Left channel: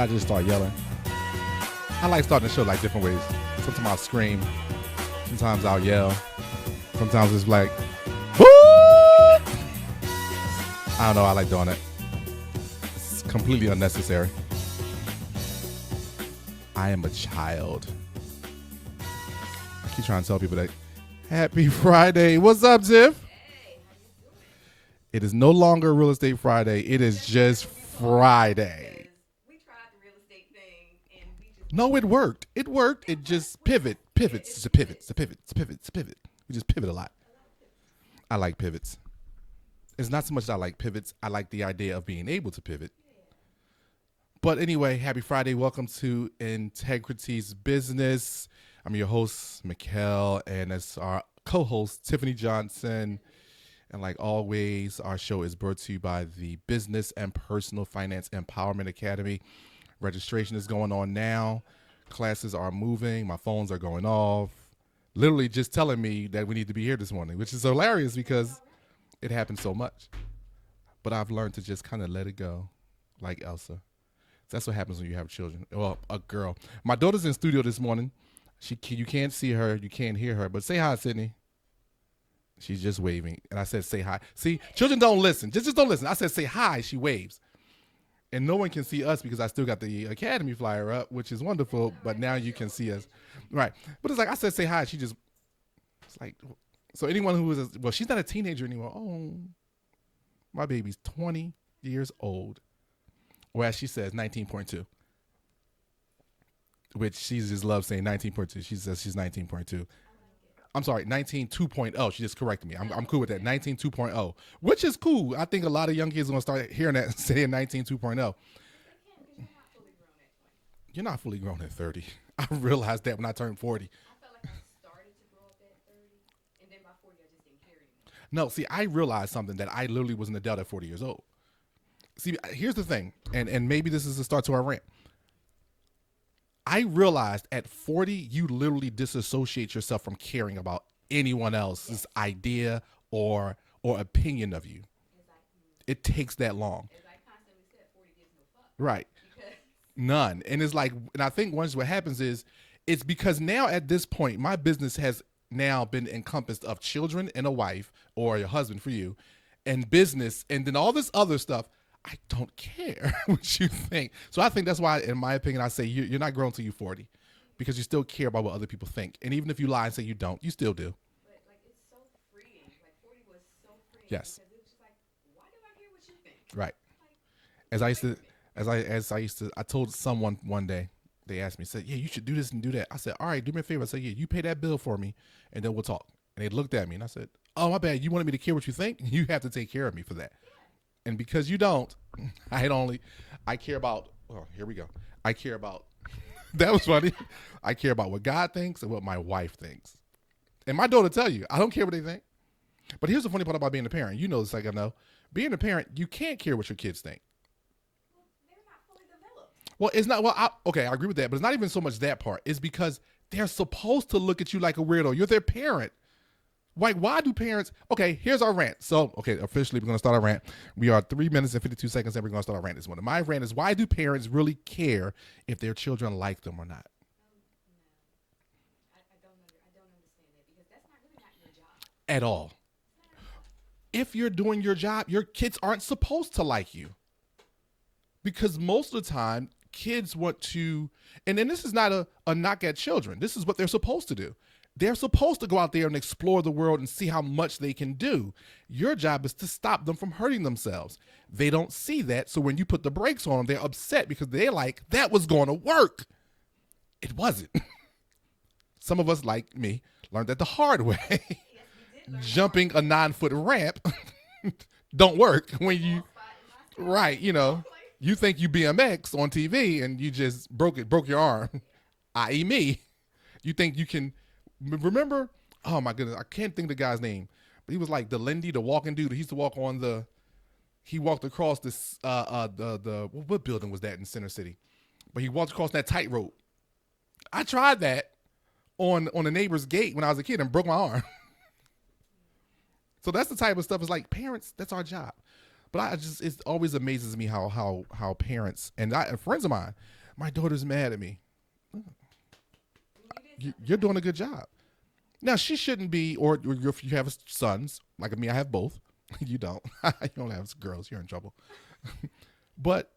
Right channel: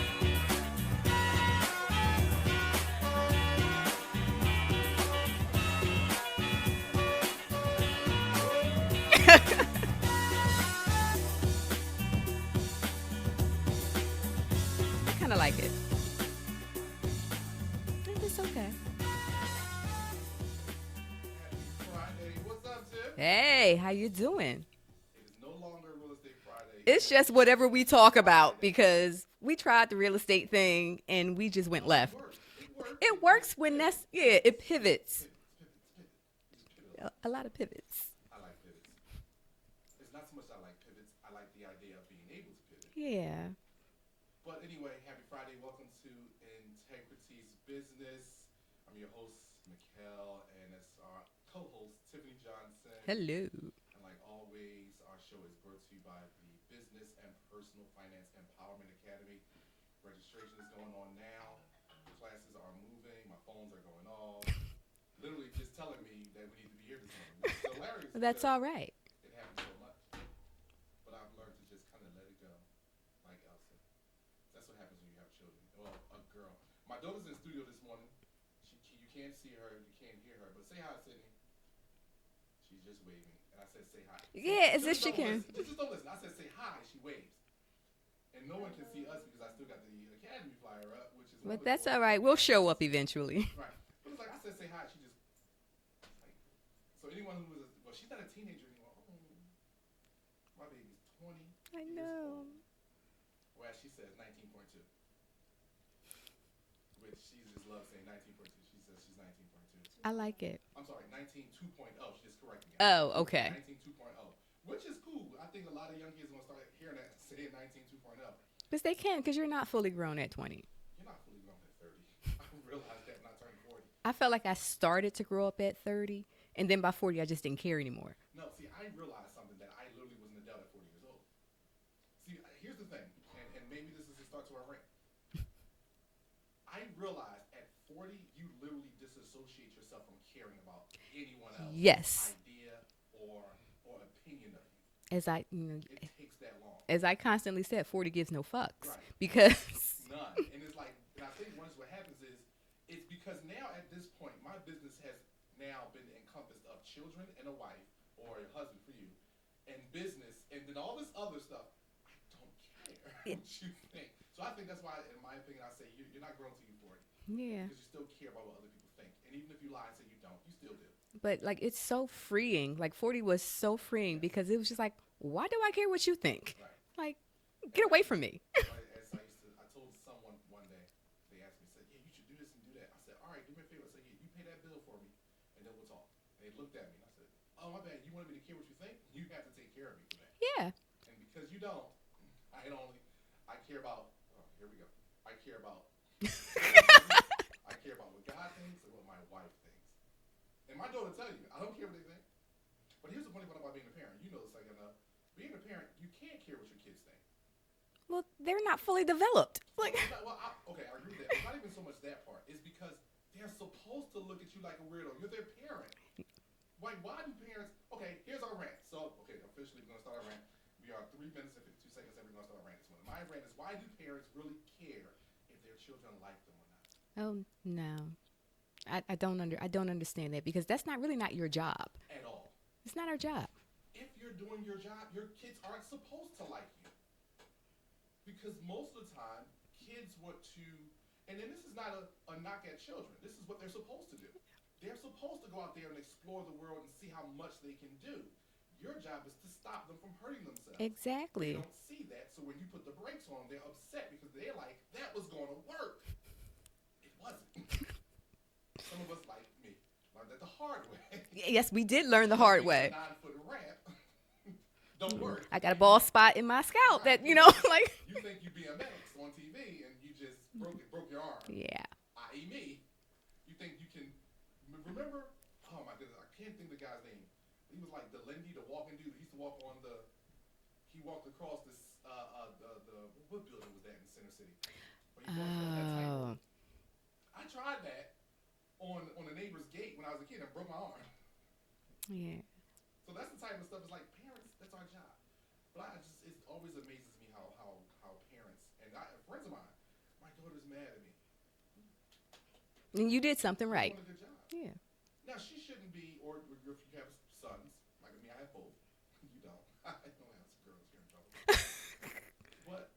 I just start yelling. I like starting the show like different ways. Sometimes I'll scream. Sometimes I'll yell. Sometimes it's like, woo! I don't know. I like doing it. It's completely unnecessary. I kind of like it. I am a child. It's okay. I keep trying to tell people that. Happy Friday. What's up, Tiff? Hey, how you doing? It is no longer Real Estate Friday. It's it is just whatever we talk Friday. about because we tried the real estate thing and we just went No, left. it worked. It worked. It It works just when pivots. that's- yeah, Pivots. it It's a pivots. pivot. It's a pivot. It's a pivot. It's a pivot. We just pivot a lot. A lot of pivots. I like pivots. It's not so much that I like pivots. I like the idea of being able to pivot. Yeah. But anyway, happy Friday. Welcome to Integrity's Business. I'm your host, Mickel, and that's our co-host, Tifphani Johnson. Hello. And like always, our show is brought to you by the Business and Personal Finance Empowerment Academy. Registration is going on now. Classes are moving. My phones are going off. Literally just telling me that we need to be here this morning, which is hilarious because That's all right. it happens so much. But I've learned to just kind of let it go, like Elsa. That's what happens when you have children. Well, a girl. My daughter's in studio this morning. You can't see her, you can't hear her, but say hi, Sydney. She's just waving, and I said, "Say hi." See, Yeah, children don't listen. Just don't listen. I said, "Say hi." She waves, and no one can see us because I still got the Academy flyer up, which is wonderful. That's all right. but now We'll you show can up see us. eventually. Right? But it's like I said, "Say hi." She just, it's like, so anyone who is, well, she's not a teenager anymore. Oh, my baby's 20 years old, or as she says, 19.2. Which she just loves saying 19.2. She says she's 19.2. I like it. I'm sorry, 19.2.0. She just corrected me. I'm Oh, cool with okay. that. 19.2.0, which is cool. I think a lot of young kids are going to start hearing that and saying 19.2.0. Because they can, because you're not fully grown at 20. You're not fully grown at 30. I realized that when I turned 40. I felt like I started to grow up at 30, and then by 40, I just didn't care anymore. No, see, I realized something that I literally was an adult at 40 years old. See, here's the thing, and maybe this is the start to our rant. I realized at 40, you literally disassociate yourself from caring about anyone else's Yes. idea or opinion of you. As I, It takes that long. as I constantly said, 40 gives no fucks. Right. Because None. And it's like, and I think once what happens is, it's because now at this point, my business has now been encompassed of children and a wife or a husband for you and business and then all this other stuff. I don't care what you think. So I think that's why, in my opinion, I say you're not grown till you're 40 yeah. because you still care about what other people think. And even if you lie and say you don't, you still do. But like it's so freeing. Like 40 was so freeing Yes. because it was just like, why do I care what you think? Right. Like, As get I away used to- from me. I told someone one day, they asked me, said, yeah, you should do this and do that. I said, all right, do me a favor. I said, yeah, you pay that bill for me and then we'll talk. And they looked at me and I said, oh, my bad. You wanted me to care what you think? You have to take care of me for that. Yeah. And because you don't, I care about, well, here we go. I care about, that was funny. I care about what God thinks and what my wife thinks. And my daughter tell you, I don't care what they think. But here's the funny part about being a parent. You know this like I know. Being a parent, you can't care what your kids think. Well, they're not fully developed. Well, it's not, okay, I agree with that. But it's not even so much that part. It's because they're supposed to look at you like a weirdo. You're their parent. Like, why do parents, okay, here's our rant. So, okay, officially we're going to start our rant. We are 3 minutes and 52 seconds and we're going to start our rant this morning. My rant is, why do parents really care if their children like them or not? Oh, no. I don't understand that because that's not really not your job. At all. It's not our job. If you're doing your job, your kids aren't supposed to like you. Because most of the time, kids want to, and then this is not a knock at children. This is what they're supposed to do. They're supposed to go out there and explore the world and see how much they can do. Your job is to stop them from hurting themselves. Exactly. They don't see that. So when you put the brakes on them, they're upset because they're like, that was going to work. It wasn't. Some of us, like me, learned that the hard way. Yes, we did learn the Jumping hard way. a 9-foot ramp don't work. I got when ball spot in my scalp. right, that, you know, like you think you BMX on TV and you just broke your arm. yeah. I.e. me. You think you can remember? Oh my goodness, I can't think of the guy's name. But he was like the Lindy, the walking dude. He used to walk on he walked across this what building was that in Center City? But he walked across that tightrope. I tried that on a neighbor's gate when I was a kid and broke my arm. Yeah. So that's the type of stuff. It's like parents, that's our job. But I just it always amazes me how parents and friends of mine, my daughter's mad at me. And you did something You're right. doing a good job. Yeah. Now she shouldn't be, or if you have sons like me, I have both. You don't. You don't have girls. You're in trouble. But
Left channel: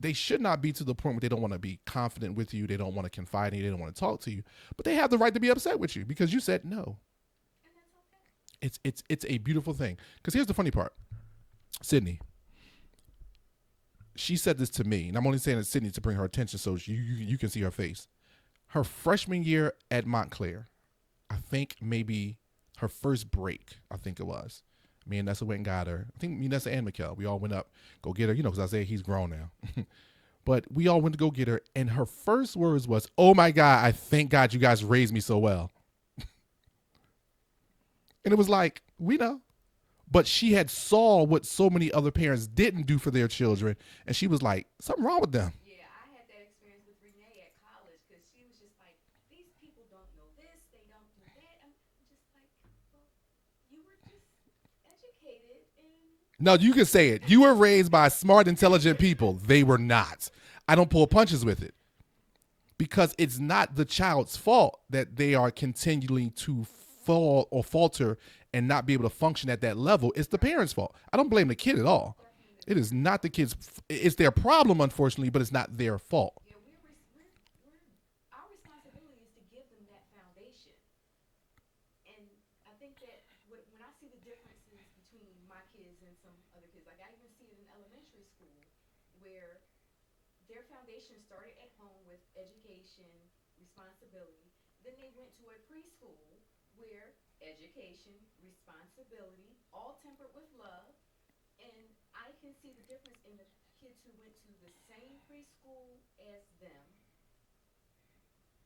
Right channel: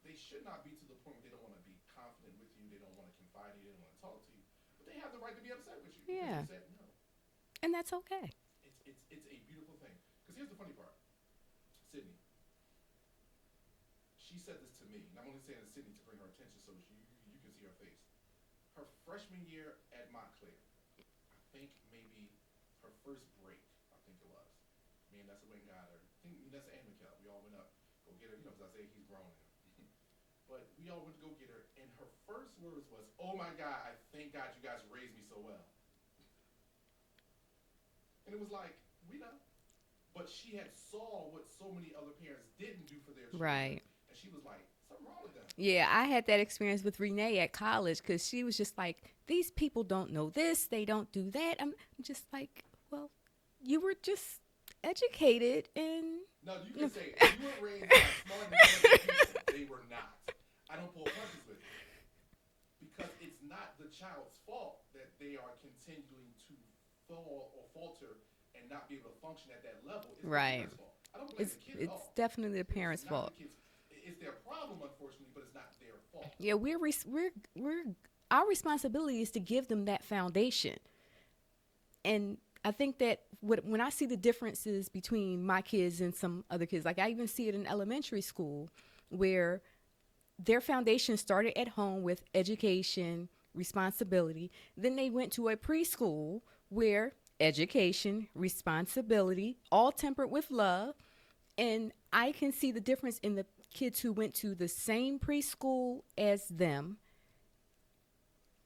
they should not be to the point where they don't want to be confident with you. They don't want to confide in you. They don't want to talk to you. But they have the right to be upset with you because you said no. And that's okay. It's a beautiful thing. Because here's the funny part. Sydney, she said this to me, and I'm only saying it to Sydney to bring her attention so you can see her face. Her freshman year at Montclair, I think maybe her first break, I think it was. Me and Nessa went and got her. I think me, Nessa, and Mickel, we all went up, go get her, because Isaiah, he's grown now. But we all went to go get her, and her first words was, "Oh my God, I thank God you guys raised me so well." And it was like, we know. But she had saw what so many other parents didn't do for their children. Right. And she was like, something wrong with them. Yeah, I had that experience with Renee at college because she was just like, these people don't know this. They don't do that. I'm just like, well, you were just educated and... No, you can say it. You were raised by smart, intelligent people. They were not. I don't pull punches with it. Because it's not the child's fault that they are continuing to fall or falter and not be able to function at that level. It's the parents' fault. I don't blame the kid at all. Definitely the It parents' is not fault. the kid's. It's their problem, unfortunately, but it's not their fault. Yeah, we're our responsibility is to give them that foundation. And I think that when I see the differences between my kids and some other kids, like I even see it in elementary school, where their foundation started at home with education, responsibility. Then they went to a preschool where education, responsibility, all tempered with love. And I can see the difference in the kids who went to the same preschool as them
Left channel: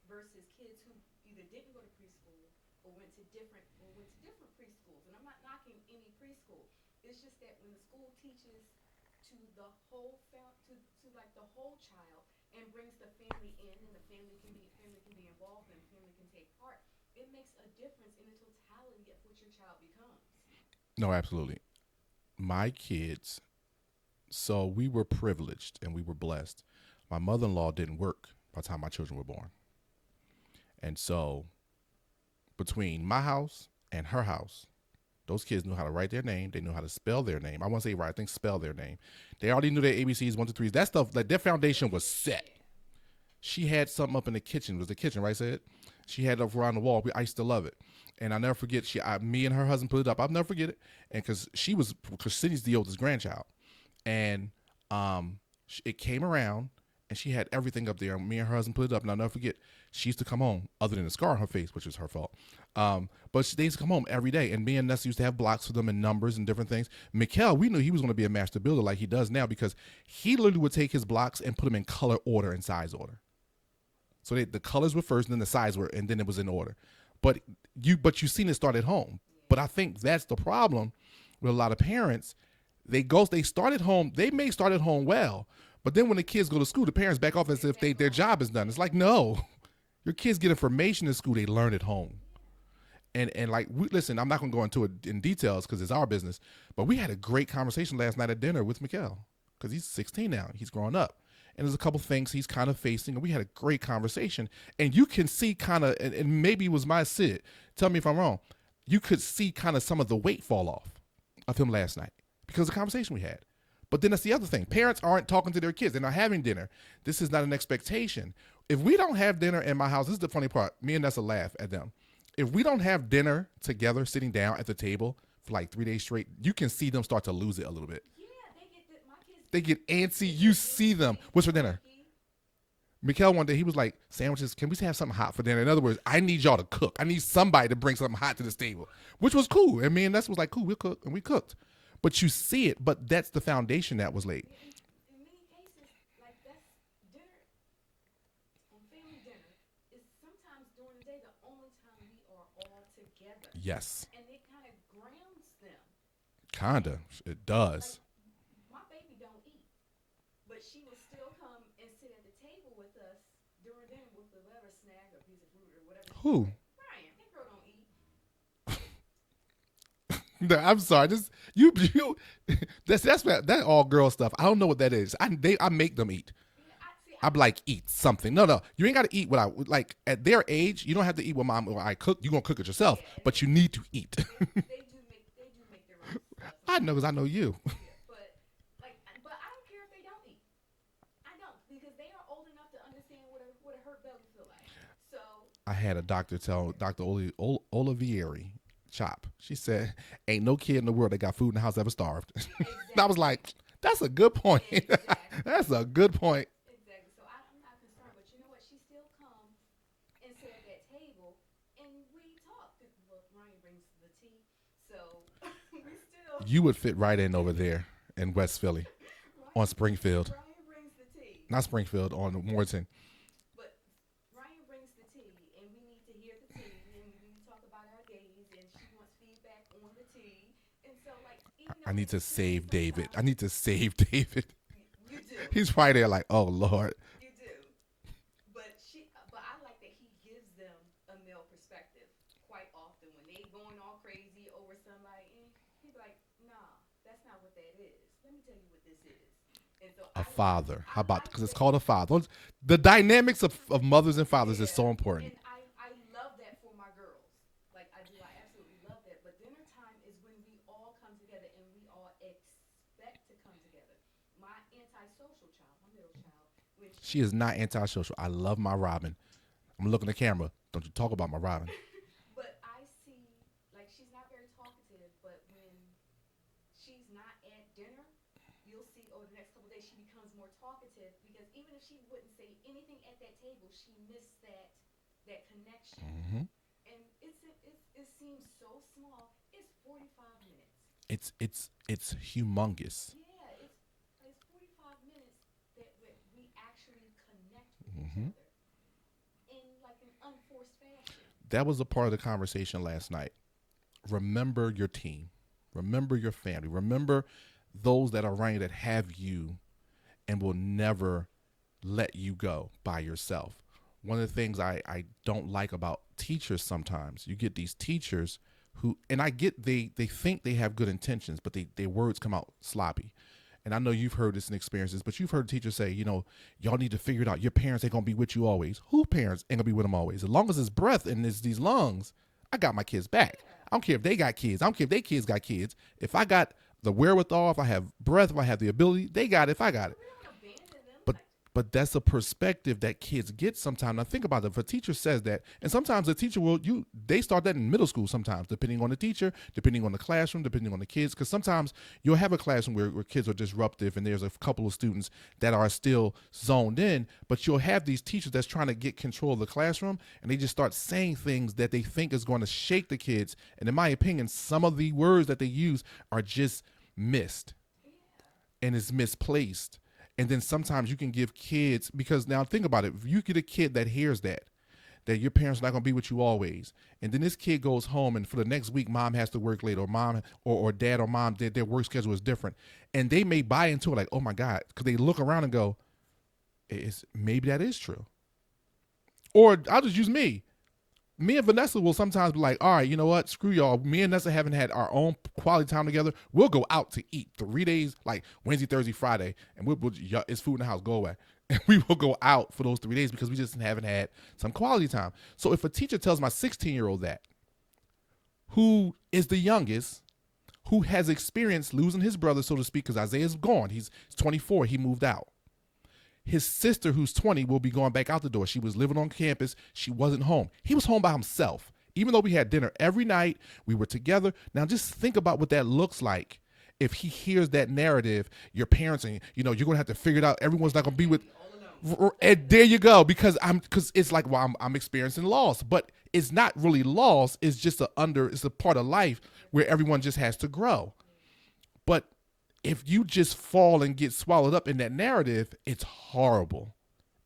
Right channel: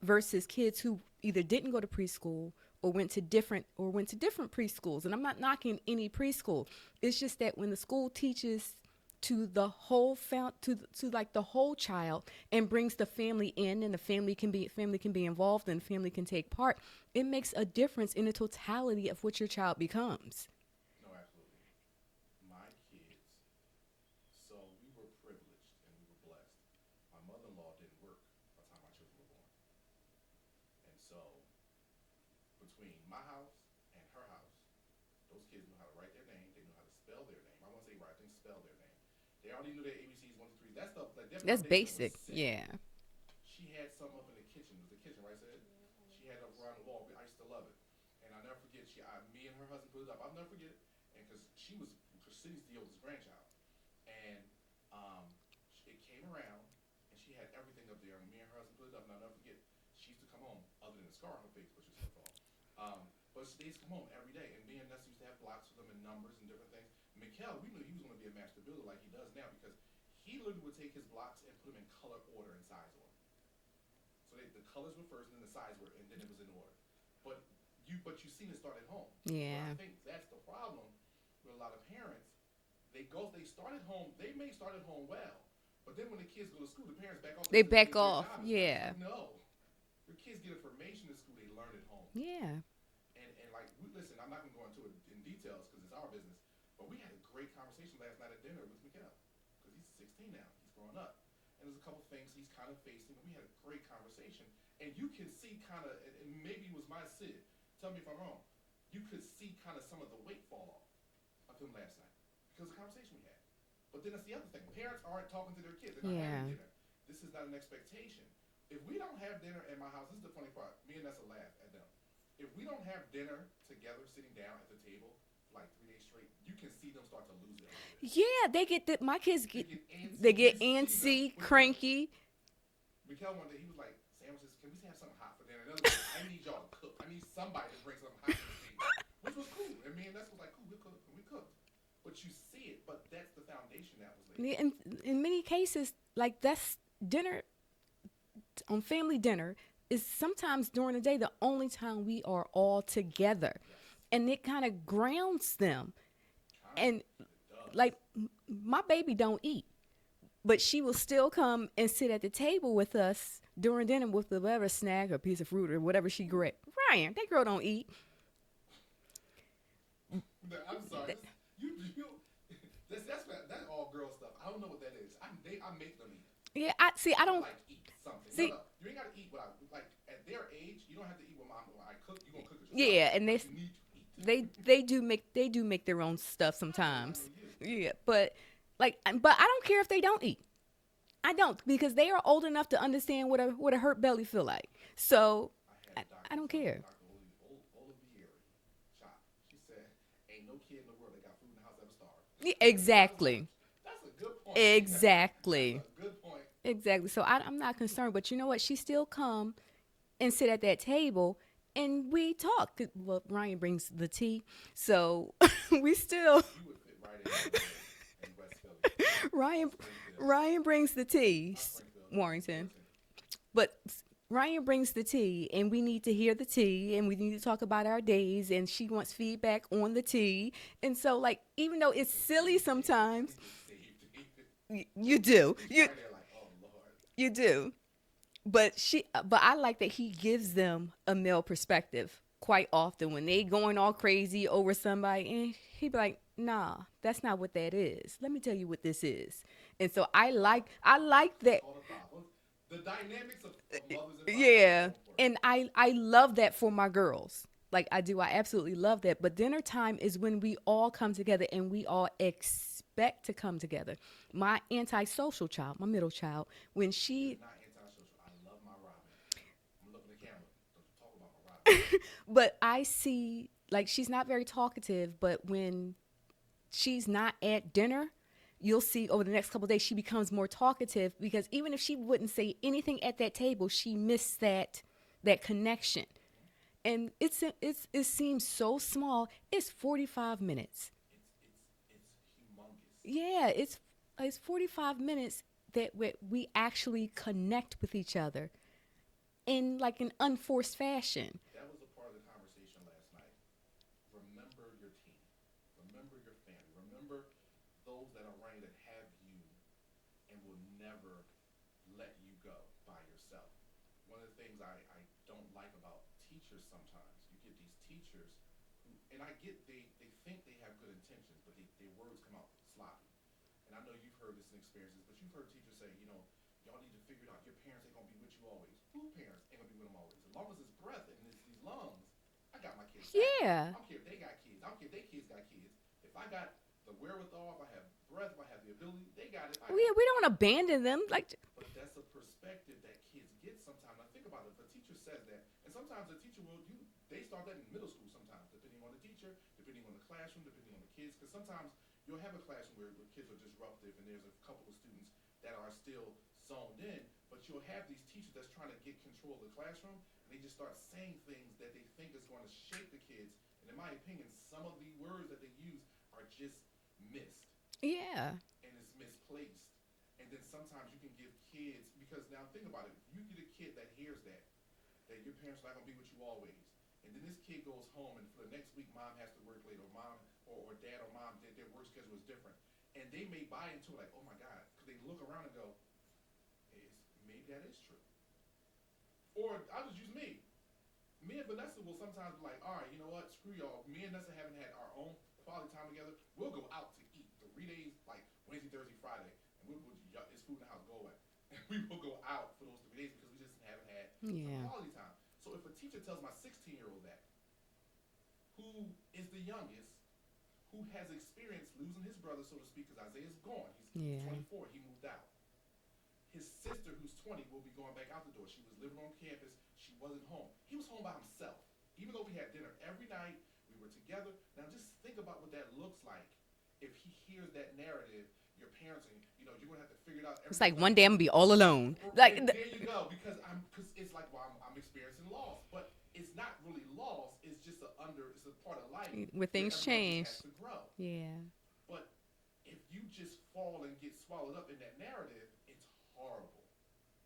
versus kids who either didn't go to preschool or went to different preschools. And I'm not knocking any preschool. It's just that when the school teaches to the whole to like the whole child and brings the family in, and the family can be involved and family can take part, it makes a difference in the totality of what your child becomes. No, absolutely. My kids, so we were privileged and we were blessed. My mother-in-law didn't work by the time my children were born. And so between my house and her house, those kids knew how to write their name. They knew how to spell their name. I want to say right, I think spell their name. They already knew their ABCs, 1, 2, 3s. That stuff, like their foundation was set. Yeah. She had something up in the kitchen. It was the kitchen, right, Sid? She had it up around the wall. I used to love it. And I'll never forget, me and her husband put it up. I'll never forget it. And because Sydney's the oldest grandchild. And it came around, and she had everything up there. And me and her husband put it up. And I'll never forget, she used to come home, other than the scar on her face, which was her fault. But they used to come home every day. And me and Nessa used to have blocks for them and numbers and different things. Mickel, we knew he was going to be a master builder like he does now, because he literally would take his blocks and put them in color order and size order. So the colors were first, and then the size were, and then it was in order. But you seen it start at home. Yeah. But I think that's the problem with a lot of parents. They start at home. They may start at home well, but then when the kids go to school, the parents back off and say their job is done. It's like, no, your kids get information in school. They learn at home. Yeah. And like, listen, I'm not going to go into it in details because it's our business, but we had a great conversation last night at dinner with Mickel, because he's 16 now. He's growing up. And there's a couple things he's kind of facing, and we had a great conversation. And you can see kind of, and maybe it was my Sid, tell me if I'm wrong, you could see kind of some of the weight fall off of him last night because of the conversation we had. But then that's the other thing. Parents aren't talking to their kids. They're not having dinner. This is not an expectation. If we don't have dinner in my house, this is the funny part. Me and Nessa laugh at them. If we don't have dinner together, sitting down at the table for like 3 days straight, you can see them start to lose it a little bit. Yeah, my kids. They get antsy. They get you antsy, see them. What's for dinner? cranky. Mickel one day, he was like, sandwiches, can we have something hot for dinner? In other words, I need y'all to cook. I need somebody to bring something hot to this table, which was cool. And me and Nessa was like, cool, we'll cook. And we cooked. But you see it, but that's the foundation that was laid. Yeah, in many cases, like that's dinner, on family dinner, is sometimes during the day the only time we are all together. Yes. And it kind of grounds them. Kind of. It does. Like, my baby don't eat, but she will still come and sit at the table with us during dinner with whatever snack or piece of fruit or whatever she grabs. Ryan, that girl don't eat. No, I'm sorry. you that all girl stuff. I don't know what that is. I make them eat. Yeah, I see. I'm like, eat something. No, you ain't got to eat what I like. At their age, you don't have to eat what mom or I cook. You gonna cook it yourself. Yeah, and but you need to eat. they do make their own stuff sometimes. I know, 'cause I know you. Yeah, but I don't care if they don't eat. I don't, because they are old enough to understand what a hurt belly feel like. So I had a doctor tell Dr. Olivieri Chop. She said, "Ain't no kid in the world that got food in the house ever starved." Yeah, exactly. I was like, that's a good point. Exactly. That's a good point. Exactly. So I'm not concerned, but you know what? She still come and sit at that table and we talk. Well, Ryan brings the tea, so we still. You would fit right in over there in West Philly, on Springfield. Ryan brings the tea. Not Springfield, on Morton. But Ryan brings the tea, and we need to hear the tea, and we need to talk about our days, and she wants feedback on the tea. And so, like, even though it's silly sometimes. I need to save David. You do. He's right there like, oh, Lord. You do. But I like that he gives them a male perspective quite often when they going all crazy over somebody, and he be like, nah, that's not what that is. Let me tell you what this is. And so I like that. Because it's called a father. The dynamics of mothers and fathers is so important. And I love that for my girls. Like, I do. I absolutely love that. But dinner time is when we all come together and we all expect to come together. My antisocial child, my middle child, when she is not antisocial. I love my Robin. I'm looking at the camera. Don't you talk about my Robin. But I see, like, she's not very talkative, but when she's not at dinner, you'll see over the next couple of days she becomes more talkative, because even if she wouldn't say anything at that table, she missed that connection. Mm-hmm. And it seems so small. It's 45 minutes. It's humongous. Yeah, it's 45 minutes that we actually connect with each other in like an unforced fashion. That was a part of the conversation last night. Remember your team. Remember your family. Remember those that are around you that have you and will never let you go by yourself. One of the things I don't like about teachers sometimes, you get these teachers who, and I get they think they have good intentions, but their words come out sloppy. And I know you've heard this in experiences, but you've heard teachers say, y'all need to figure it out. Your parents ain't going to be with you always. Who parents ain't going to be with them always? As long as it's breath and it's these lungs, I got my kids back. Yeah. I don't care if they got kids. I don't care if their kids got kids. If I got the wherewithal, if I have breath, if I have the ability, they got it. If I got it. We don't want to abandon them. But that's a perspective that kids get sometimes. Now think about it. If a teacher says that, and sometimes a teacher they start that in middle school sometimes, depending on the teacher, depending on the classroom, depending on the kids. Because sometimes you'll have a classroom where kids are disruptive and there's a couple of students that are still zoned in, but you'll have these teachers that's trying to get control of the classroom, and they just start saying things that they think is going to shake the kids. And in my opinion, some of the words that they use are just missed. Yeah. And it's misplaced. And then sometimes you can give kids, because now think about it. If you get a kid that hears that your parents are not going to be with you always, and then this kid goes home and for the next week, mom has to work late, or mom or dad or mom, their work schedule is different. And they may buy into it like, oh my God, because they look around and go, maybe that is true. Or I'll just use me. Me and Vanessa will sometimes be like, all right, you know what? Screw y'all. Me and Vanessa haven't had our own quality time together. We'll go out to eat 3 days, like Wednesday, Thursday, Friday, and it's food in the house. Go away. And we will go out for those 3 days because we just haven't had some quality time. So if a teacher tells my 16-year-old that, who is the youngest, who has experienced losing his brother, so to speak, because Isaiah's gone. He's 24. He moved out. His sister, who's 20, will be going back out the door. She was living on campus. She wasn't home. He was home by himself. Even though we had dinner every night, we were together. Now just think about what that looks like. If he hears that narrative, your parents, and you're going to have to figure it out. Everyone's like one day I'm going to be all alone. And there you go. Because it's like, well, I'm experiencing loss, but it's not really loss. It's just it's a part of life where everyone just has to grow. Yeah. But if you just fall and get swallowed up in that narrative, it's horrible.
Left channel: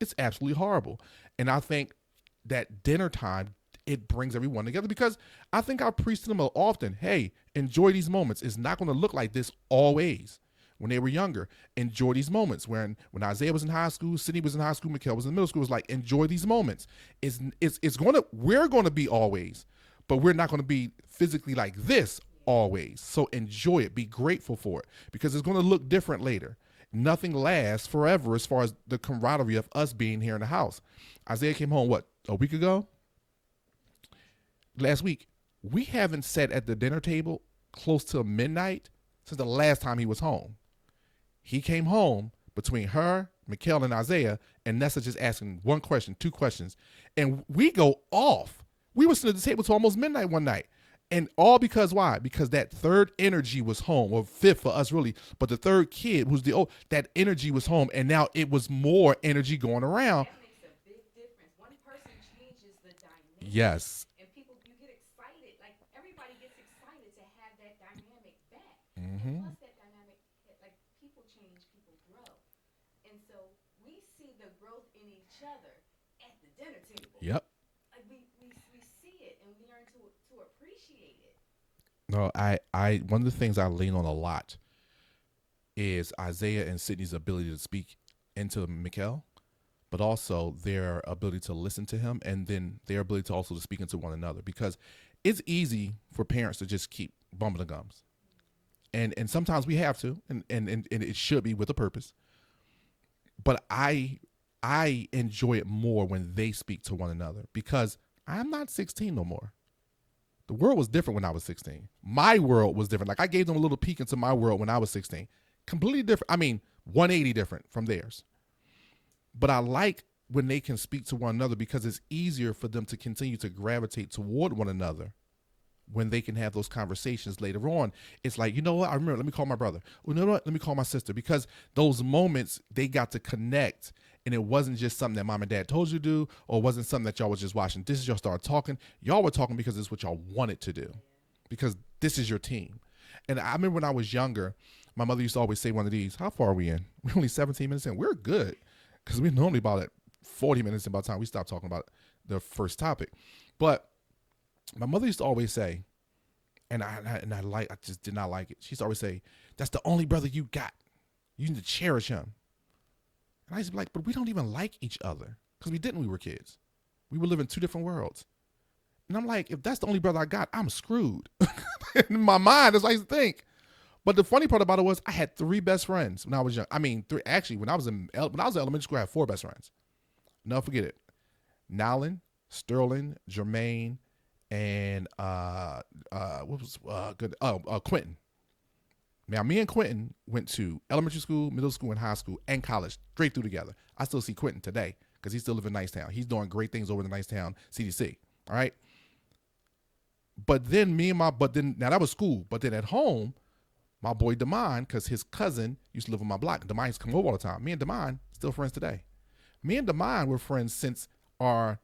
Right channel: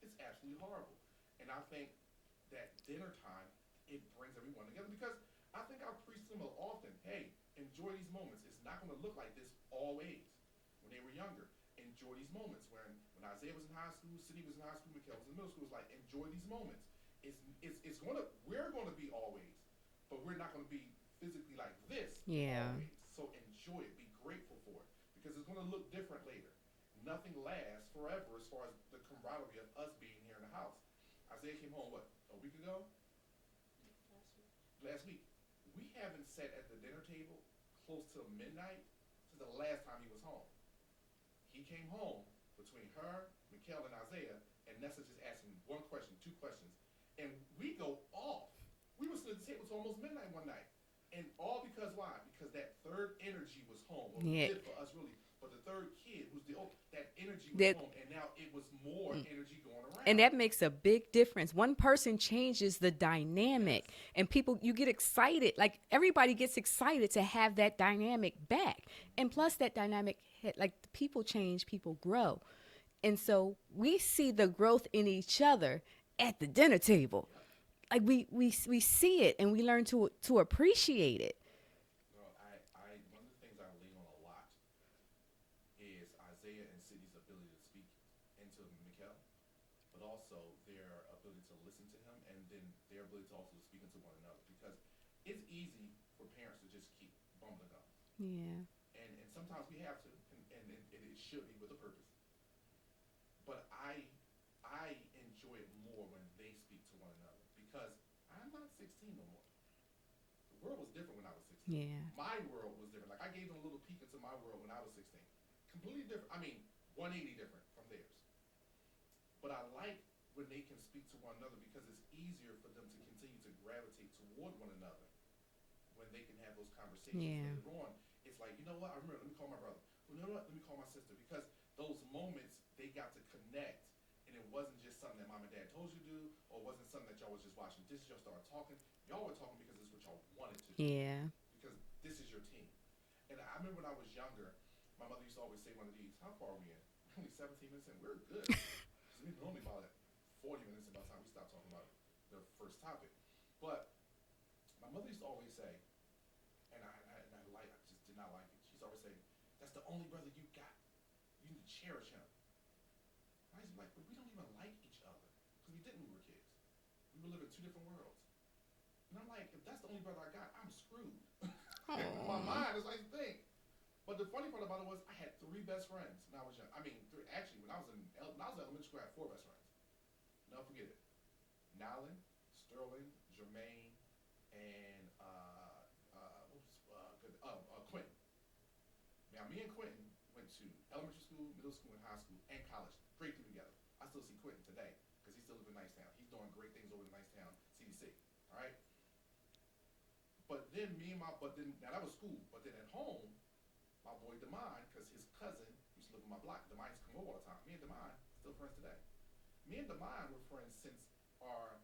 It's absolutely horrible. And I think that dinner time, it brings everyone together, because I think I preach to them often, hey, enjoy these moments. It's not going to look like this always. When they were younger, enjoy these moments. When Isaiah was in high school, Sydney was in high school, Mickel was in middle school, it was like, enjoy these moments. We're going to be always, but we're not going to be physically like this Yeah. always. So enjoy it. Be grateful for it because it's going to look different later. Nothing lasts forever as far as the camaraderie of us being here in the house. Isaiah came home, what, a week ago? Last week. We haven't sat at the dinner table close to midnight since the last time he was home. He came home between her, Mickel, and Isaiah, and Nessa just asking one question, two questions. And we go off. We were sitting at the table till almost midnight one night. And all because why? Because that third energy was home, or fifth for us really. But the third kid, who's the old, that energy was home, and now it was more energy going around. And that makes a big difference. One person changes the dynamic. Yes. And people, you get excited. Like everybody gets excited to have that dynamic back. And plus that dynamic, like people change, people grow. And so we see the growth in each other at the dinner table. Yep. Like we see it and we learn to appreciate it. No, I one of the things I lean on a lot is Isaiah and Sydney's ability to speak into Mickel, but also their ability to listen to him, and then their ability to also to speak into one another, because it's easy for parents to just keep bumping the gums. Yeah. And sometimes we have to, and it should be with a purpose. But I enjoy it more when they speak to one another, because I'm not 16 no more. The world was different when I was 16. Yeah. My world was different. Like I gave them a little peek into my world when I was 16. Completely different. I mean, 180 different from theirs. But I like when they can speak to one another, because it's easier for them to continue to gravitate toward one another when they can have those conversations later on. It's like, you know what? I remember, let me call my brother. Well, you know what? Let me call my sister, because those moments they got to connect. And it wasn't just something that mom and dad told you to do, or it wasn't something that y'all was just watching. This is y'all started talking. Y'all were talking because it's what y'all wanted to do. Yeah. Because this is your team. And I remember when I was younger, my mother used to always say one of these, how far are we in? We're only 17 minutes in. We're good. Because we're normally about at 40 minutes in by the time we stop talking about the first topic. But my mother used to always say, and I just did not like it. She used to always say, that's the only brother you got. You need to cherish him. And I used to be like, but we don't even like each other, because we didn't when we were kids. We were living two different worlds. And I'm like, if that's the only brother I got, I'm screwed. In my mind, that's what I used to think. But the funny part about it was I had 3 best friends when I was young. I mean, 3, actually, when I was in elementary school, I had 4 best friends. Never forget it. Nowlin, Sterling, Jermaine, and what was good? Quentin. Now, me and Quentin went to elementary school, middle school, and high school, and college straight through together. I still see Quentin today because he still lives in Nicetown. He's doing great things over in the Nicetown CDC. All right. But then now that was school. But then at home, my boy Damon, because his cousin used to live on my block. Damon used to come over all the time. Me and Damon still friends today. Me and Damon were friends since our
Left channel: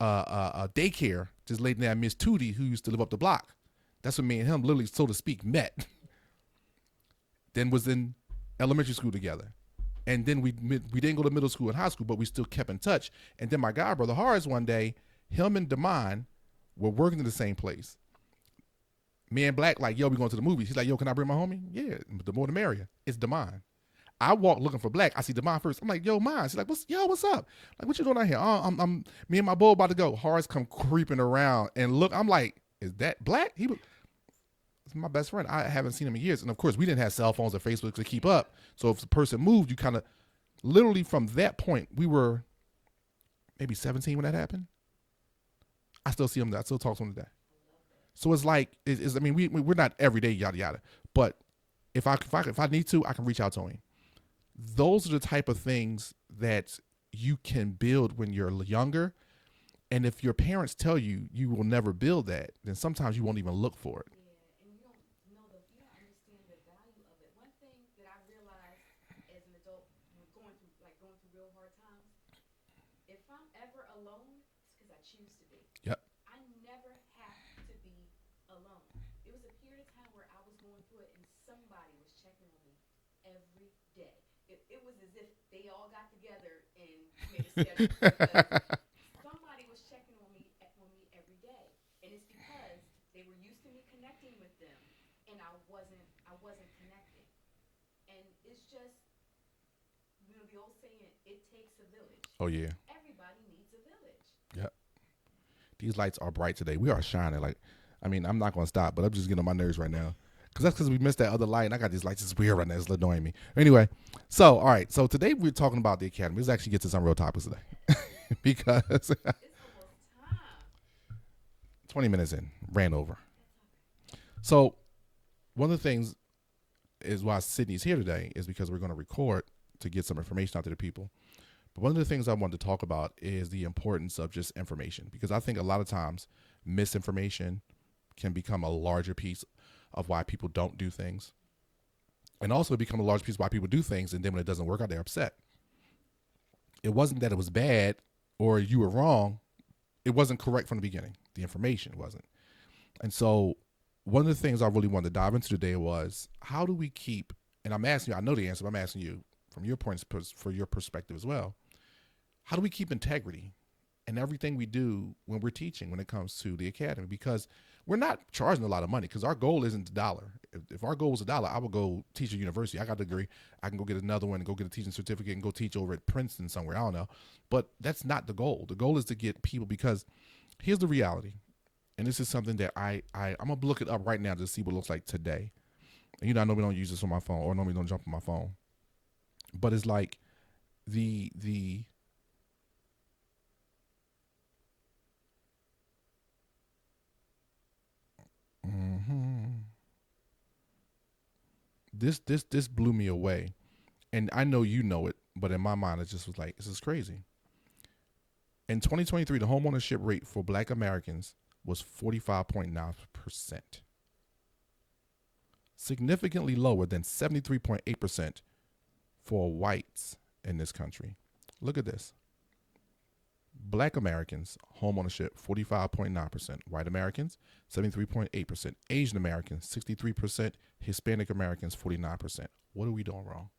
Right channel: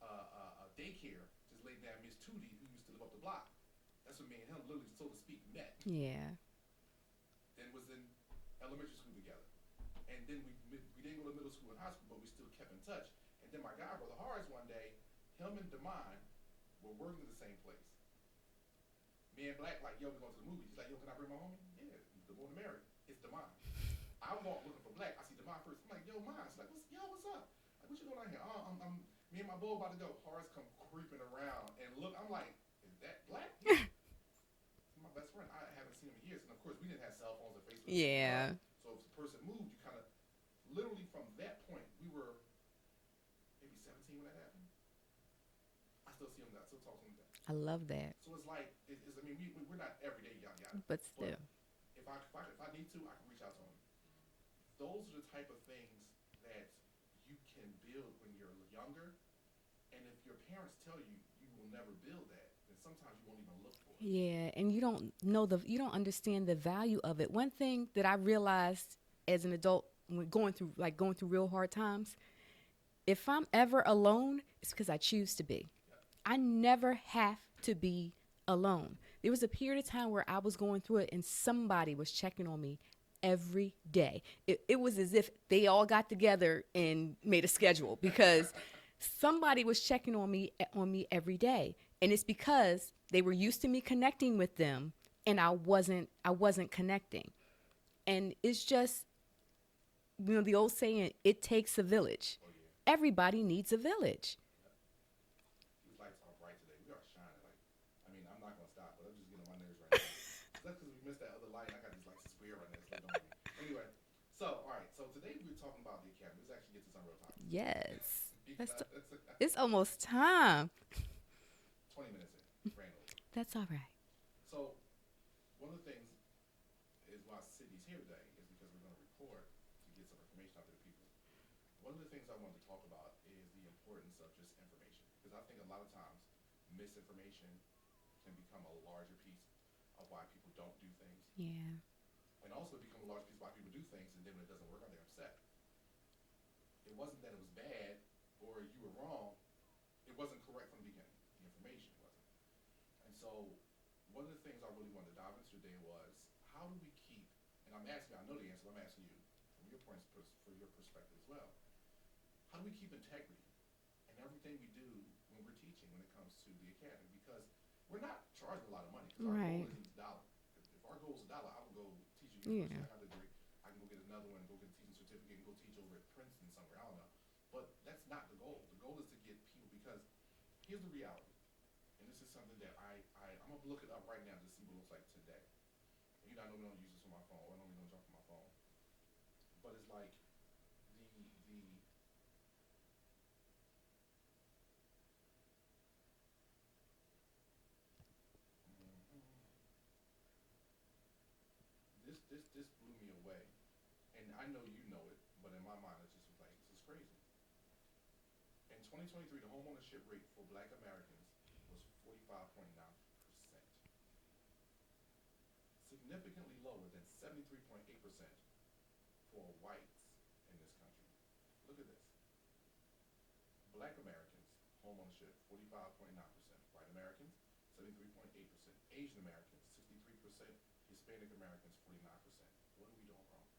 daycare, just laid down Miss Tootie, who used to live up the block. That's when me and him literally, so to speak, met. Yeah. Then was in elementary school together. And then we didn't go to middle school and high school, but we still kept in touch. And then my guy brother Horace, one day, him and Damon were working in the same place. Me and Black, like, yo, we going to the movies. He's like, yo, can I bring my homie? Yeah, the more the merrier. It's Damon. I walk looking for Black. I see Damon first. I'm like, yo, mine. She's like, what's up? Like, what you doing out here? I'm me and my boy about to go. Horace come creeping around and look. I'm like, is that Black? He was my best friend. I haven't seen him in years. And of course, we didn't have cell phones or Facebook to keep up. So if the person moved, you kind of, literally from that point, we were maybe 17 when that happened. I still see him. I still talk to him today. I love that. So it's like, I mean, we're not every day, yada yada. But if I need to, I can reach out to him. Those are the type of things that you can build when you're younger. And if your parents tell you you will never build that, then sometimes you won't even look for it. Yeah, and you don't understand the value of it. One thing that I realized as an adult when going through real hard times, if I'm ever alone, it's because I choose to be. Yep. I never have to be alone. There was a period of time where I was going through it and somebody was checking on me every day. It was as if they all got together and made a schedule because somebody was checking on me every day. And it's because they were used to me connecting with them and I wasn't connecting. And it's just, the old saying, it takes a village. Oh, yeah. Everybody needs a village. Yep. These lights are bright today. We are shining. Like, I mean, I'm not going to stop, but I'm just getting on my nerves right now. Because we missed that other light, and I got these lights. It's weird right now. It's annoying me. Anyway, so, all right. So today we're talking about the Academy. Let's actually get to some real topics today. Yes. Because it's almost time. 20 minutes in. Ran over. That's all right. So one of the things is why Sydney's here today is because we're going to record to get some information out to the people. But one of the things I wanted to talk about is the importance of just information, because I think a lot of times misinformation can become a larger piece of why people don't do things. Yeah. And also become a large piece of why people do things, and then when it doesn't work out, they're upset. It wasn't that it was bad or you were wrong. It wasn't correct from the beginning. The information wasn't. And so one of the things I really wanted to dive into today was, how do we keep, and I'm asking you, I know the answer, but I'm asking you from your points, for your perspective as well, how do we keep integrity in everything we do when we're teaching, when it comes to the Academy? Because we're not charging a lot of money, because our goal isn't $1. If our goal was $1, I would go teach at university. I got the degree. I can go get another one and go get a teaching certificate and go teach over at Princeton somewhere. I don't know. But that's not the goal. The goal is to get people, because here's the reality. And this is something that I'm going to look it up right now to see what it looks like today. And I normally don't use this on my phone, or normally don't jump on my phone. But it's like this blew me away, and I know you know it, but in my mind it just was like, this is crazy. In 2023, the homeownership rate for Black Americans was 45.9%, significantly lower than 73.8% for whites in this country. Look at this. Black Americans, homeownership, 45.9%. White Americans, 73.8%. Asian Americans, 63%. Hispanic Americans, 49%. What are we doing wrong?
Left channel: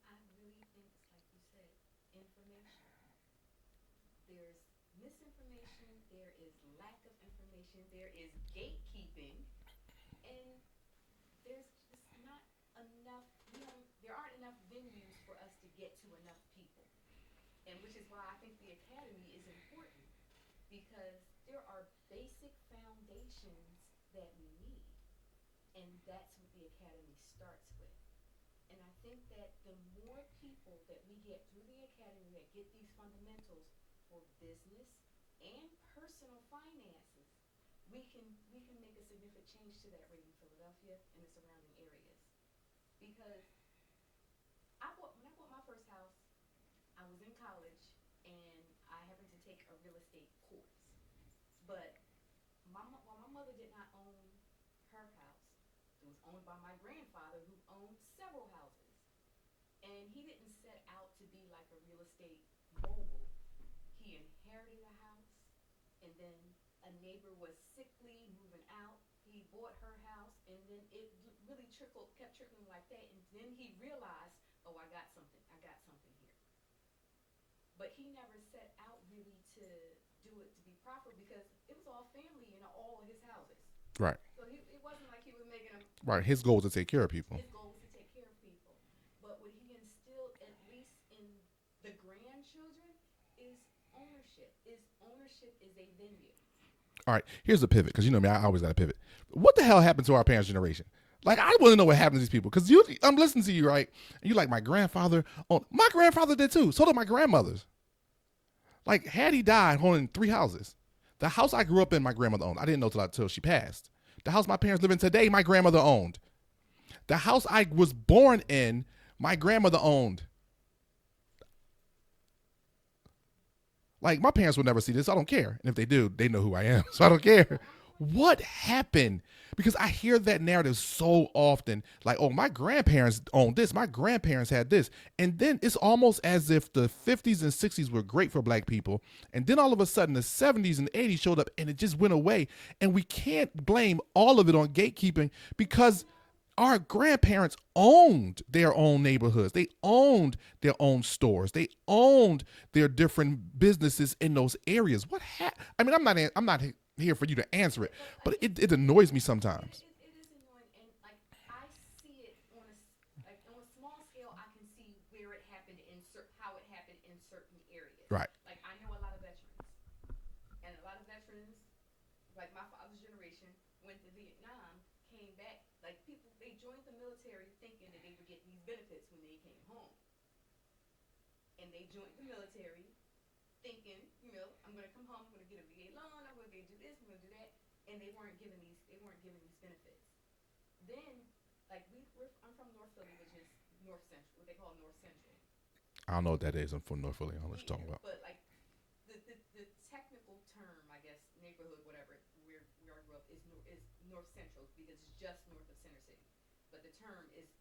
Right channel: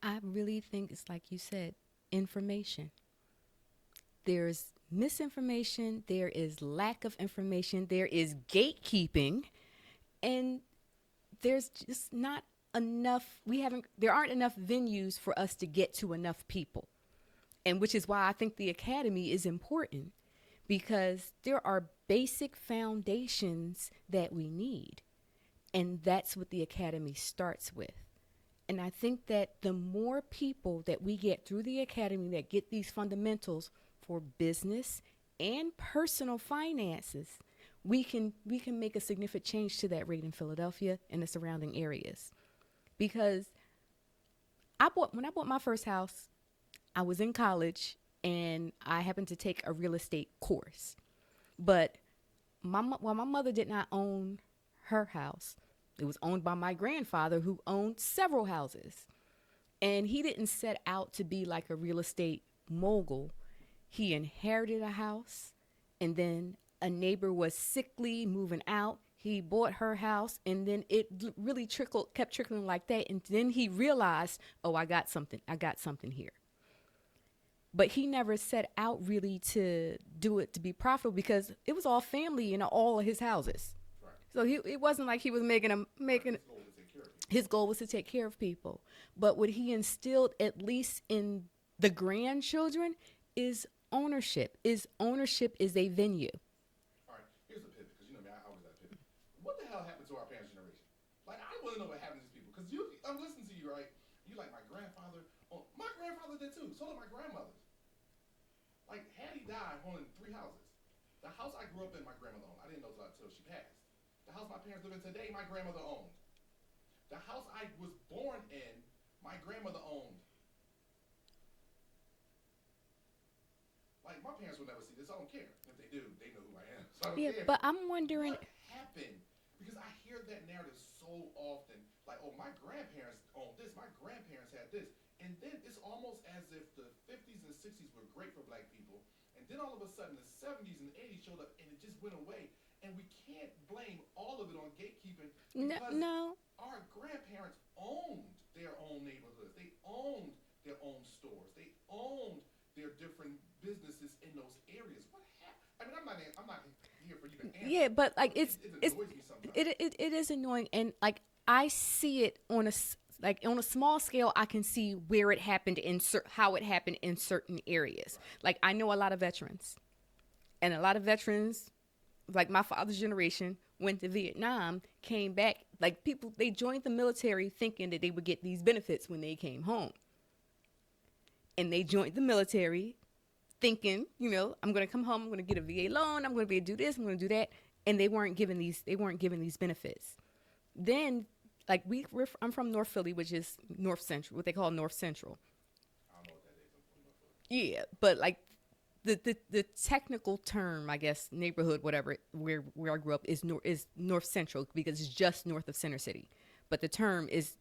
I really think it's like you said, information. There's misinformation. There is lack of information. There is gatekeeping. And there's just not enough. There aren't enough venues for us to get to enough people. And which is why I think the Academy is important, because there are basic foundations that we need. And that's what the Academy starts with. And I think that the more people that we get through the Academy that get these fundamentals for business and personal finances, we can make a significant change to that rate in Philadelphia and the surrounding areas. Because when I bought my first house, I was in college and I happened to take a real estate course. But while my mother did not own her house, it was owned by my grandfather, who owned several houses. And he didn't set out to be like a real estate mogul. He inherited a house, and then a neighbor was sickly, moving out. He bought her house, and then it really kept trickling like that. And then he realized, oh, I got something here. But he never set out really to do it to be profitable, because it was all family in all of his houses. Right. So it wasn't like he was making right. His goal was to take care of people. His goal was to take care of people. But what he instilled, at least in the grandchildren, is ownership. Ownership is a venue. All right. Here's the pivot, because you know me, I always got to pivot. What the hell happened to our parents' generation? Like, I want to know what happened to these people, because I'm listening to you, right? And you like, my grandfather owned. My grandfather did too. So did my grandmother's. Like, had he died owning 3 houses. The house I grew up in, my grandmother owned. I didn't know till she passed. The house my parents live in today, my grandmother owned. The house I was born in, my grandmother owned. Like, my parents will never see this. I don't care. And if they do, they know who I am. So I don't care. But I'm wondering, what happened? Because I hear that narrative so often. Like, oh, my grandparents owned this. My grandparents had this. And then it's almost as if the 50s and 60s were great for Black people. And then all of a sudden the 70s and 80s showed up and it just went away. And we can't blame all of it on gatekeeping, because our grandparents owned their own neighborhoods. They owned their own stores. They owned their different businesses in those areas. I mean, I'm not here for you to answer it, but like, it annoys me sometimes. It is annoying, and like, I see it on a small scale. I can see where it happened how it happened in certain areas. Right. Like, I know a lot of veterans. And a lot of veterans, like my father's generation, went to Vietnam, came back. Like people, they joined the military thinking that they would get these benefits when they came home. And they joined the military thinking, you know, I'm going to come home, I'm going to get a VA loan, I'm going to be able to do this, I'm going to do that. And they weren't given these benefits. Then, like I'm from North Philly, which is North Central, what they call North Central. I don't know what that is. I'm from North Philly. Yeah, but like the technical term, I guess, neighborhood, whatever, where I grew up is North Central because it's just north of Center City. But the term is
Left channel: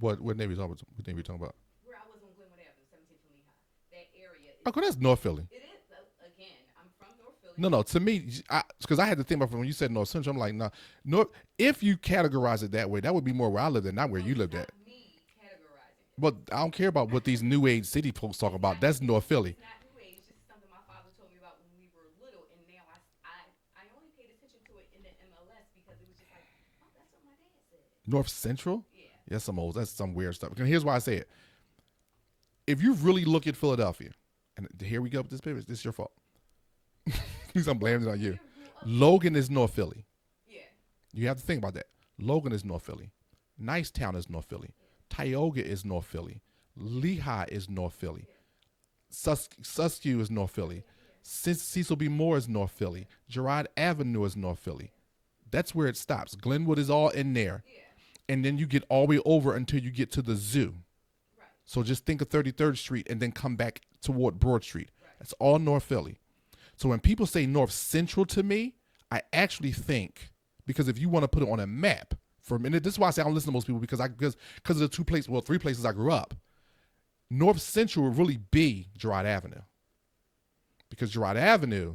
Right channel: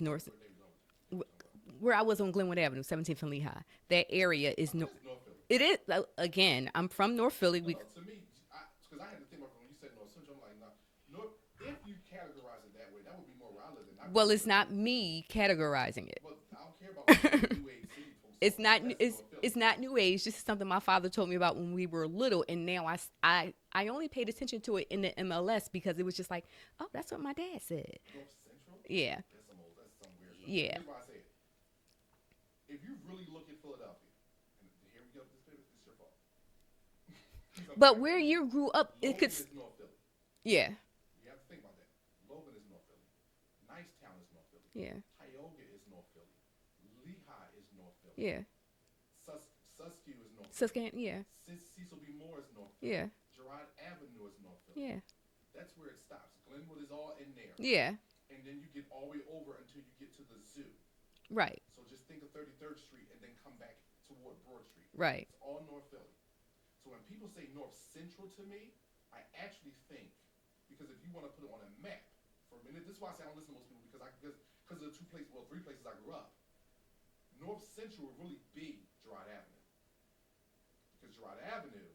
what neighborhood you talking about? Where I was on Glenwood Avenue, 17th and Lehigh. That area is. Oh, that's North Philly. It is. Again, I'm from North Philly. No. To me, because I had to think about when you said North Central, I'm like, no. North. If you categorize it that way, that would be more where I live than not where you live. Well, it's not me categorizing it. But I don't care about what these new age city folks talk about. That's North Philly. It's not new age. This is something my father told me about when we were little, and now I only paid attention to it in the MLS because it was just like, oh, that's what my dad said. North Central? Yeah. That's some weird stuff. Yeah. And here's why I say it. If you really look at Philadelphia, and here we go with this paper, this is your fault. But where you grew up, Logan is North Philly. Yeah. You have to think about that. Logan is North Philly. Nicetown is North Philly. Yeah. Tioga is North Philly. Lehigh is North Philly. Yeah. Suskew is North Philly. Yeah. Cecil B. Moore is North Philly. Yeah. Girard Avenue is North Philly. Yeah. That's where it stops. Glenwood is all in there. Yeah. And then you get all the way over until you get to the zoo. Right. So just think of 33rd Street and then come back toward Broad Street. Right. It's all North Philly. So when people say North Central to me, I actually think, because if you want to put it on a map, for a minute, this is why I say I don't listen to most people because of the three places I grew up. North Central would really be Girard Avenue. Because Girard Avenue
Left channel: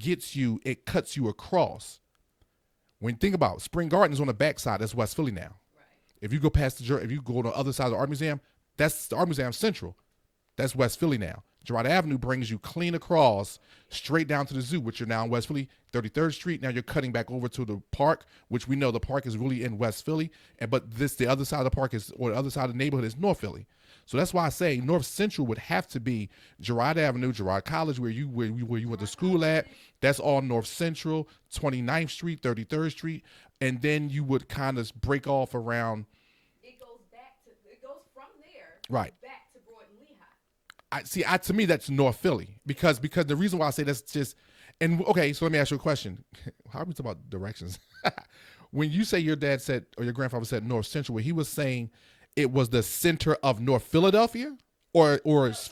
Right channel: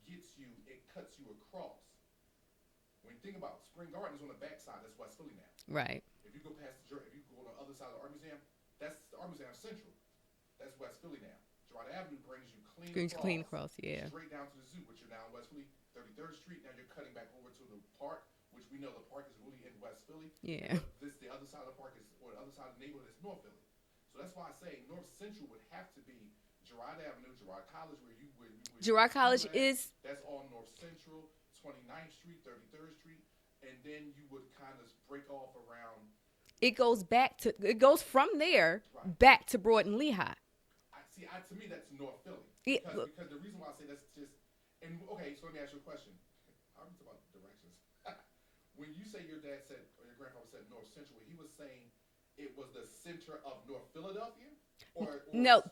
it cuts you across. When you think about it, Spring Gardens on the backside, that's West Philly now. Right. If you go if you go to the other side of the Art Museum, that's the Art Museum Central. That's West Philly now. Girard Avenue brings you clean across yeah. straight down to the zoo, which you're now in West Philly. 33rd Street, now you're cutting back over to the park, which we know the park is really in West Philly. Yeah. But the other side of the park or the other side of the neighborhood is North Philly. So that's why I say North Central would have to be Girard Avenue, Girard College, where you went to school at. That's all North Central, 29th Street, 33rd Street, and then you would kind of break off around. It goes from there back to Broad and Lehigh. To me, that's North Philly because the reason why I say that's just, and okay, so let me ask you a question. How are we talking about directions? When you say your dad said, or your grandfather said North Central, where he was saying it was the center of North Philadelphia or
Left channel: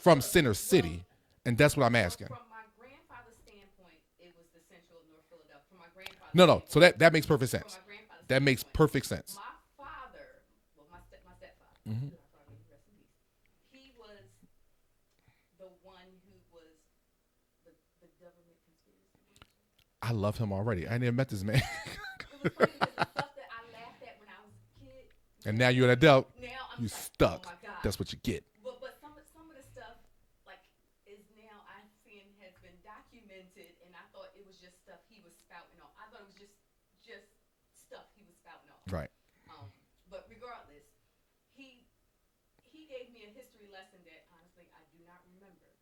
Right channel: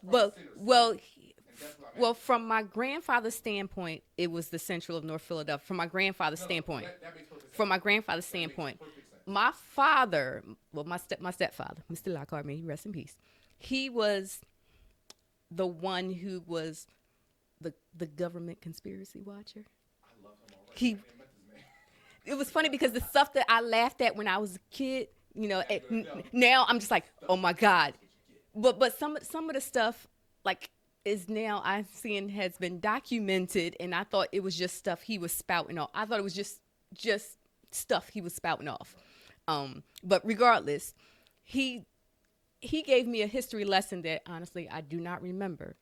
from Center City? And that's what I'm asking. Well, from my grandfather's standpoint, it was the central of North Philadelphia. From my grandfather's standpoint. So that makes perfect sense. From my grandfather's standpoint. That makes perfect sense. My father, my stepfather, who still I call me, rest in peace. He was the one who was the government conspiracy watcher. I love him already. I never met this man. It was funny because the stuff that I laughed at when I was a kid, now you're an adult. Now I'm just like, oh my God. That's what you get. But some of the stuff like is now I'm seeing has been documented, and I thought it was just stuff he was spouting off. I thought it was just stuff he was spouting off. Right. But regardless, he gave me a history lesson that honestly I do not remember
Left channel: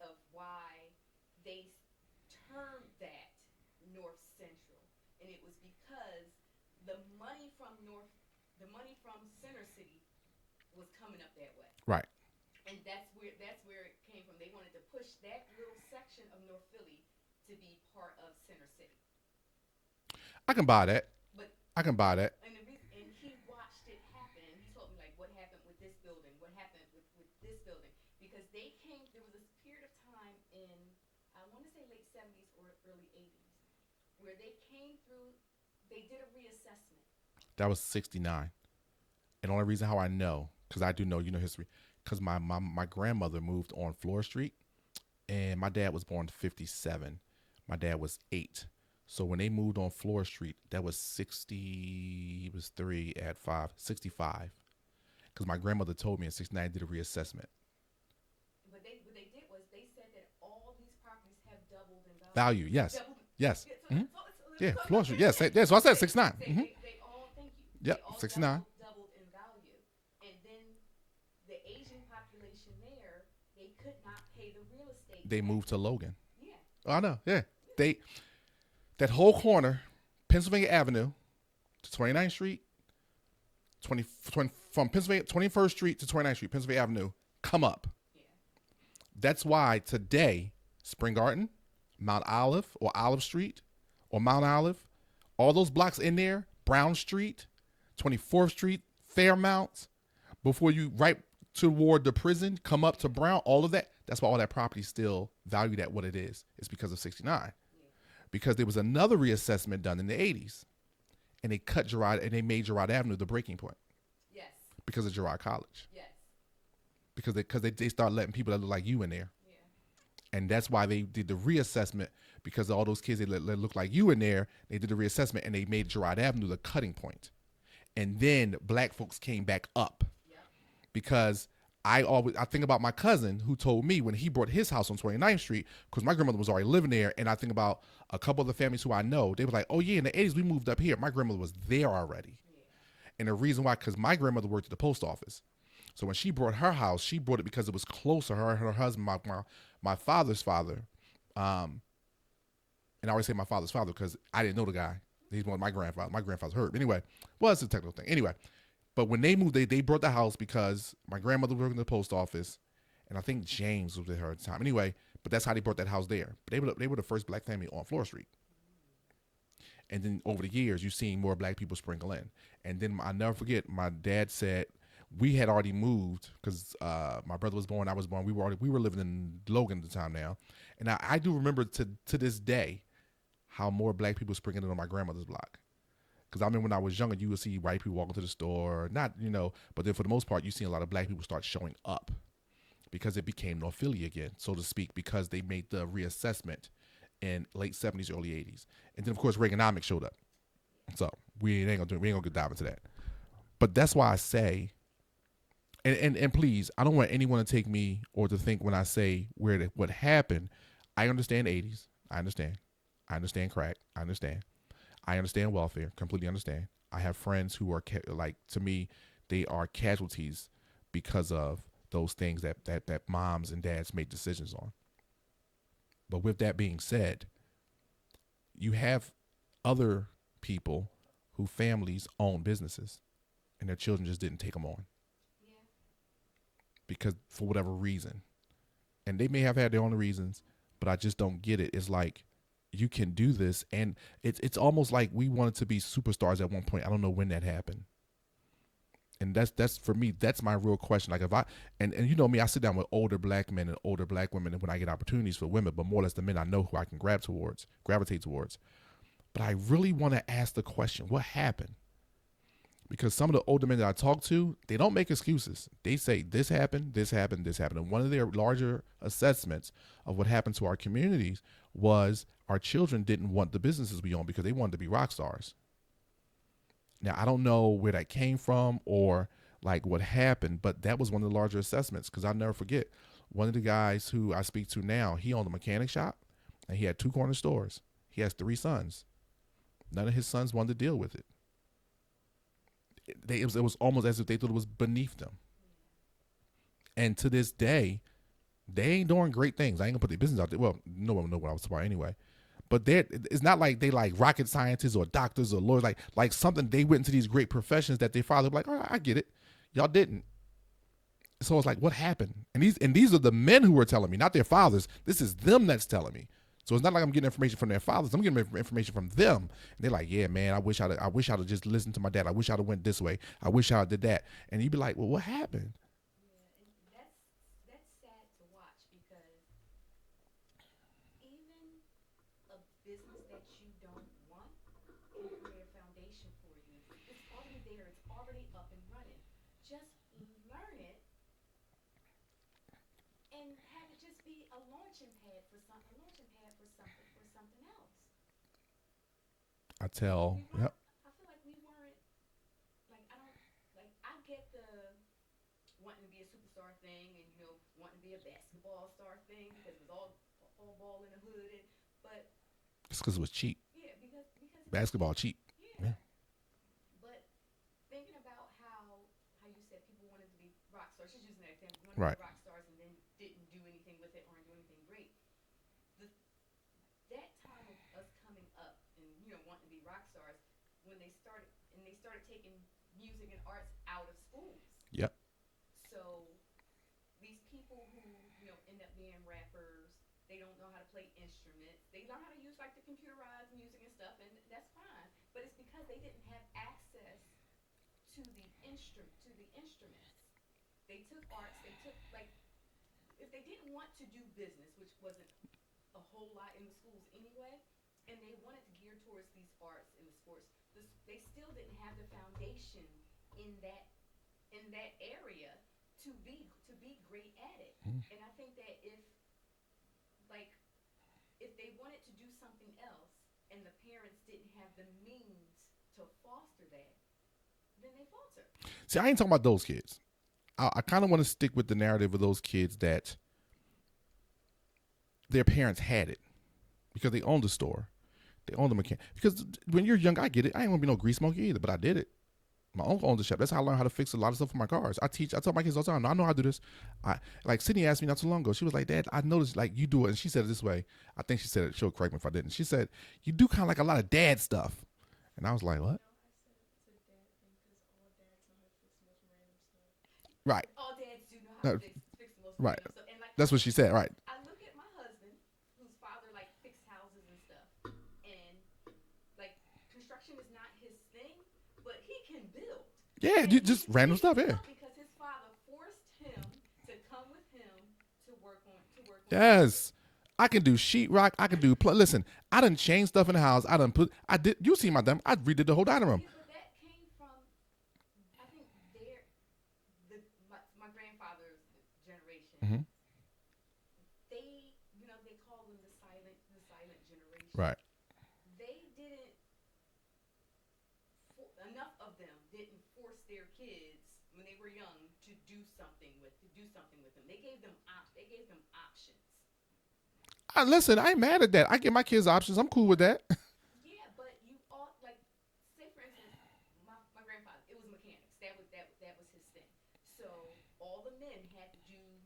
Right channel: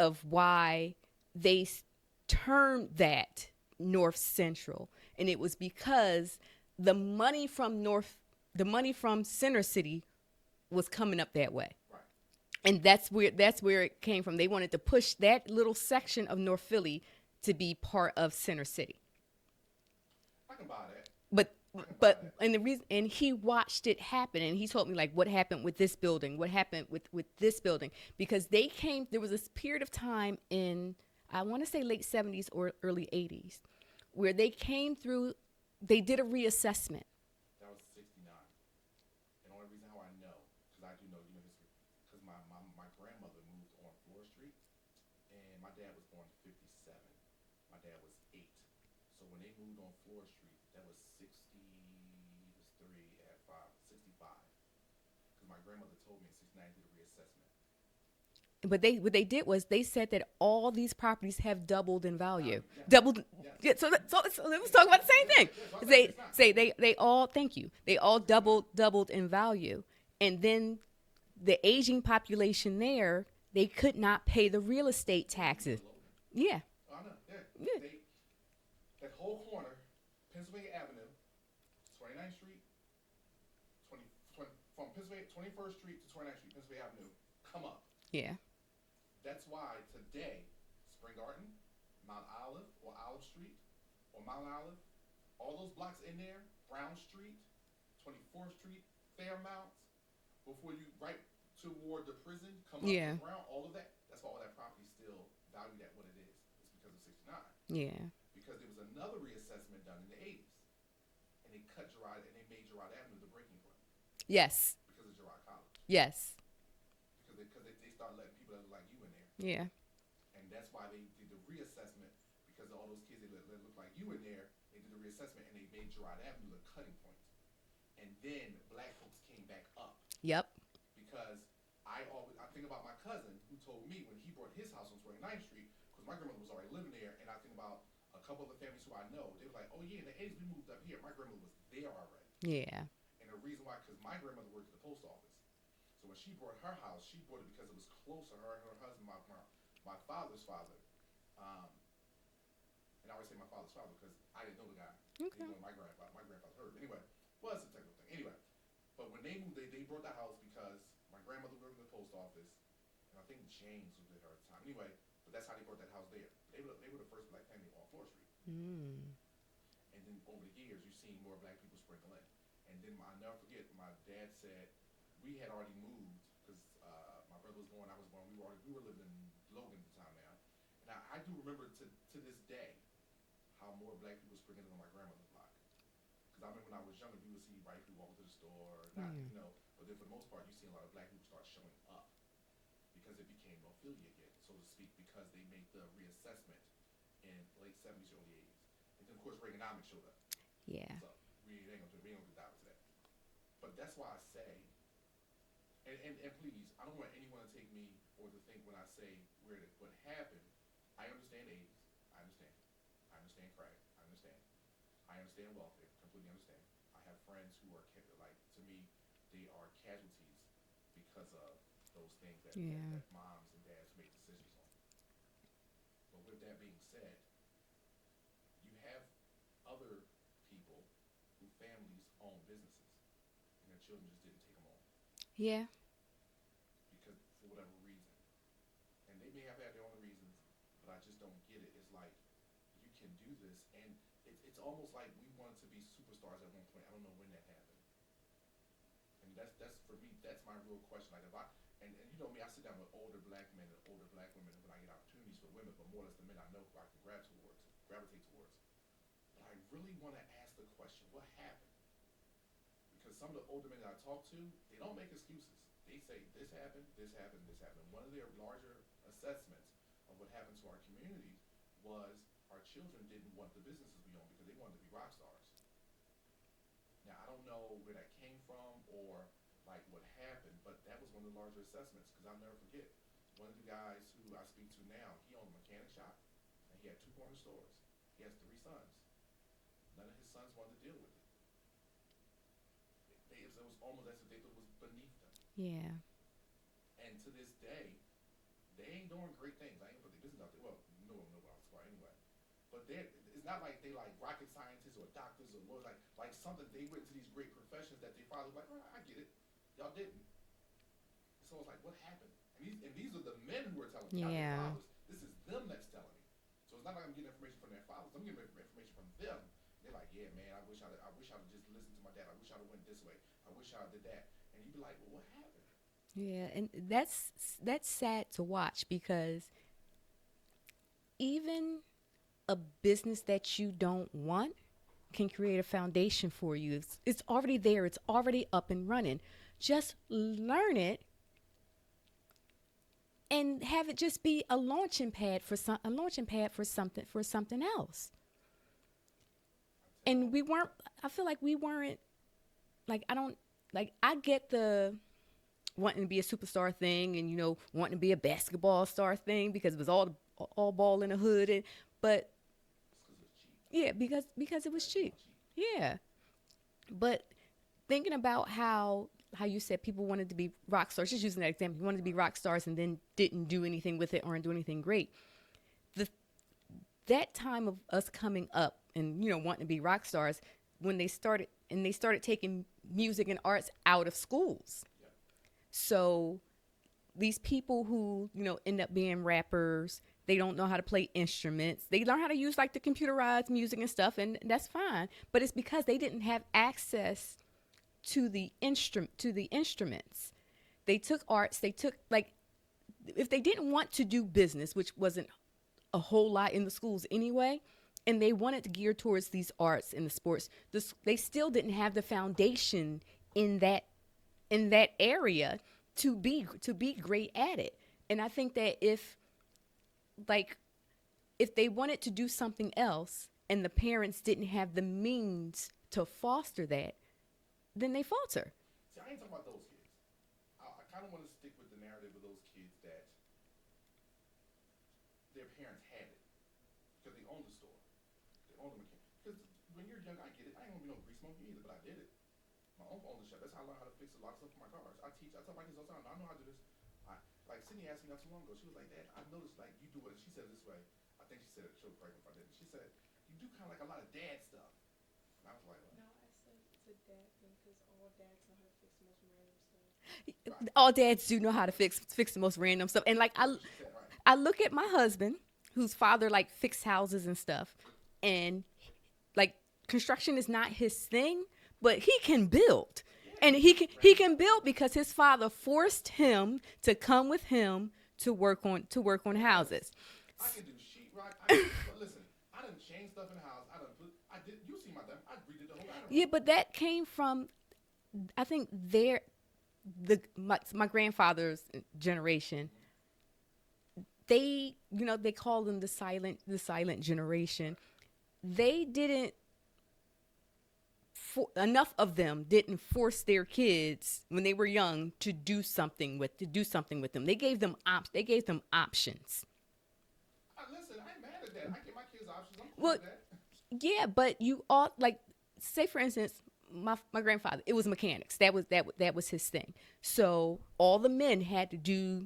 of why they termed that North Central, and it was because the money from Center City was coming up that way. Right. And that's where it came from. They wanted to push that little section of North Philly to be part of Center City. I can buy that. I can buy that. And the reason, and he watched it happen, and he told me like what happened with this building, what happened with this building, because there was this period of time in, I want to say late 70s or early 80s, where they came through, they did a reassessment. That was 69. And the only reason how I know, because I do know, history, because my grandmother moved on Flora Street, and my dad was born in 57. My dad was 8. So when they moved on Flora Street, that was 60, he was 3 at 5, 65. Because my grandmother told me in 69 did a reassessment. But what they did was they said that all these properties have doubled in value. Yes. Doubled. Yes. Yeah, so let's talk about the same thing. Yeah, so I said 69. They all, thank you. They all 69. doubled in value. And then the aging population there, they could not pay the real estate taxes. They moved to Logan. Yeah. I know. Yeah. Yeah. They that whole corner, Pennsylvania Avenue to 29th Street, 20 from Pennsylvania 21st Street to 29th Street, Pennsylvania Avenue, come up. Yeah. That's why today, Spring Garden, Mount Olive or Olive Street or Mount Olive, all those blocks in there, Brown Street, 24th Street, Fairmount, before you right toward the prison, come up to Yeah. Brown, all of that. That's why all that property still valued at what it is. It's because of 69. Yeah. Because there was another reassessment done in the 80s, and they cut Girard and they made Girard Avenue the breaking point Yes. because of Girard College. Yes. Because they start letting people that look like you in there. Yeah. And that's why they did the reassessment, because all those kids that look like you in there, they did the reassessment and they made Girard Avenue the cutting point. And then black folks came back up. Yep. Because I think about my cousin who told me when he bought his house on 29th Street, because my grandmother was already living there, and I think about a couple of the families who I know, they were like, oh yeah, in the 80s we moved up here. My grandmother was there already. Yeah. And the reason why, because my grandmother worked at the post office. So when she bought her house, she bought it because it was closer. Her and her husband, my father's father, and I always say my father's father because I didn't know the guy. He's one of my grandfather. My grandfather's Herb. Anyway, well, it's a technical thing. Anyway, but when they moved, they brought the house because my grandmother worked in the post office, and I think James was with her at the time. Anyway, but that's how they brought that house there. But they were the first black family on Floor Street. And then over the years, you've seen more black people sprinkle in. And then I'll never forget, my dad said we had already moved because my brother was born, I was born. We were living in Logan at the time now, and I do remember to this day how more black people sprinkled in on my grandmother's block. Because I remember when I was younger, you would see white people walking to the store, not but then for the most part, you see a lot of black people start showing up because it became North Philly again, so to speak, because they made the reassessment in late 70s, early 80s, and then of course Reaganomics showed up. Yeah. So we ain't gonna dive into that. But that's why I say, and please, I don't want anyone to take me or to think when I say what happened. I understand the 80s. I understand crack. I understand welfare. Completely understand. I have friends who are to me, they are casualties because of those things that moms and dads made decisions on. But with that being said, you have other people who families own businesses and their children just didn't take them on. Yeah. Because for whatever reason. And they may have had their own reasons, but I just don't get it. It's like, you can do this, and it's almost like we wanted to be superstars at one point. I don't know when that happened. And that's for me, that's my real question. Like if and you know me, I sit down with older black men and older black women when I get opportunities for women, but more or less the men I know who I can gravitate towards. But I really want to ask the question, what happened? Because some of the older men that I talk to, they don't make excuses. They say this happened, this happened, this happened. And one of their larger assessments of what happened to our communities was our children didn't want the businesses we own because they wanted to be rock stars. Now, I don't know where that came from or like what happened, but that was one of the larger assessments because I'll never forget. One of the guys who I speak to now, he owned a mechanic shop and he had 2 corner stores. He has 3 sons. None of his sons wanted to deal with it. It was almost as if they thought it was beneath them. Yeah. And to this day, they ain't doing great things. I ain't gonna put their business out there. Well, no one know what I was about anyway. But it's not like they like rocket scientists or doctors or lawyers. Like something they went into these great professions that their father like, all right, I get it. Y'all didn't. So it's like, what happened? And these are the men who were telling me, not their fathers. This is them that's telling me. So it's not like I'm getting information from their fathers. I'm getting information from them. And they're like, yeah, man, I wish I'd have just listened to my dad. I wish I'd have went this way. I wish I did that. And you'd be like, well, what happened? Yeah, and that's sad to watch because even a business that you don't want can create a foundation for you. It's already there. It's already up and running. Just learn it and have it just be a launching pad for something else. And we weren't. Yep. I feel like we weren't. Like I get the wanting to be a superstar thing, and wanting to be a basketball star thing because it was all ball in the hood, but it's because it was cheap. Yeah, because it was basketball cheap. Yeah, but thinking about how you said people wanted to be rock stars, just using that example, you wanted to be rock stars and then didn't do anything with it or do anything great. that time of us coming up and wanting to be rock stars, when they started taking music and arts out of schools. Yep. So these people who end up being rappers, they don't know how to play instruments. They learn how to use like the computerized music and stuff, and that's fine. But it's because they didn't have access to the instruments. They took arts. They took, like, if they didn't want to do business, which wasn't a whole lot in the schools anyway, and they wanted to gear towards these arts and the sports, they still didn't have the foundation in that area to be great at it. And I think that if they wanted to do something else and the parents didn't have the means to foster that, then they falter. See, I ain't talking about those kids. I kind of want to stick with the narrative of those kids that their parents had it because they owned the store. They owned the mechanic. Because when you're young, I get it. I ain't want to be no grease monkey either, but I did it. My uncle owned the shop. That's how I learned how to fix a lot of stuff for my cars. I tell my kids all the time, I know how to do this. Like Sydney asked me not too long ago. She was like, Dad, I noticed like you do it. And she said it this way. I think she said it. She'll correct me if I didn't. She said, you do kind of like a lot of dad stuff. And I was like, what? Right. All dads do know how to fix the most random stuff. And like that's what she said, right. I look at my husband, whose father like fixed houses and stuff, and like construction is not his thing, but he can build. Yeah, and he can build in. because his father forced him to come with him to work on yes. houses. I can do sheetrock. I can do listen, I done changed stuff in the house. I did you see my I redid the whole dining room. Yeah, but that came from, I think my grandfather's generation. Mm-hmm. They call them the silent generation. Right. They didn't enough of them didn't force their kids when they were young to do something with them. They gave them options. Listen, I ain't mad at that. I give my kids options. I'm cool with that. Yeah, but you all, like, say for instance, my grandfather, it was mechanics. That was his thing. So all the men had to do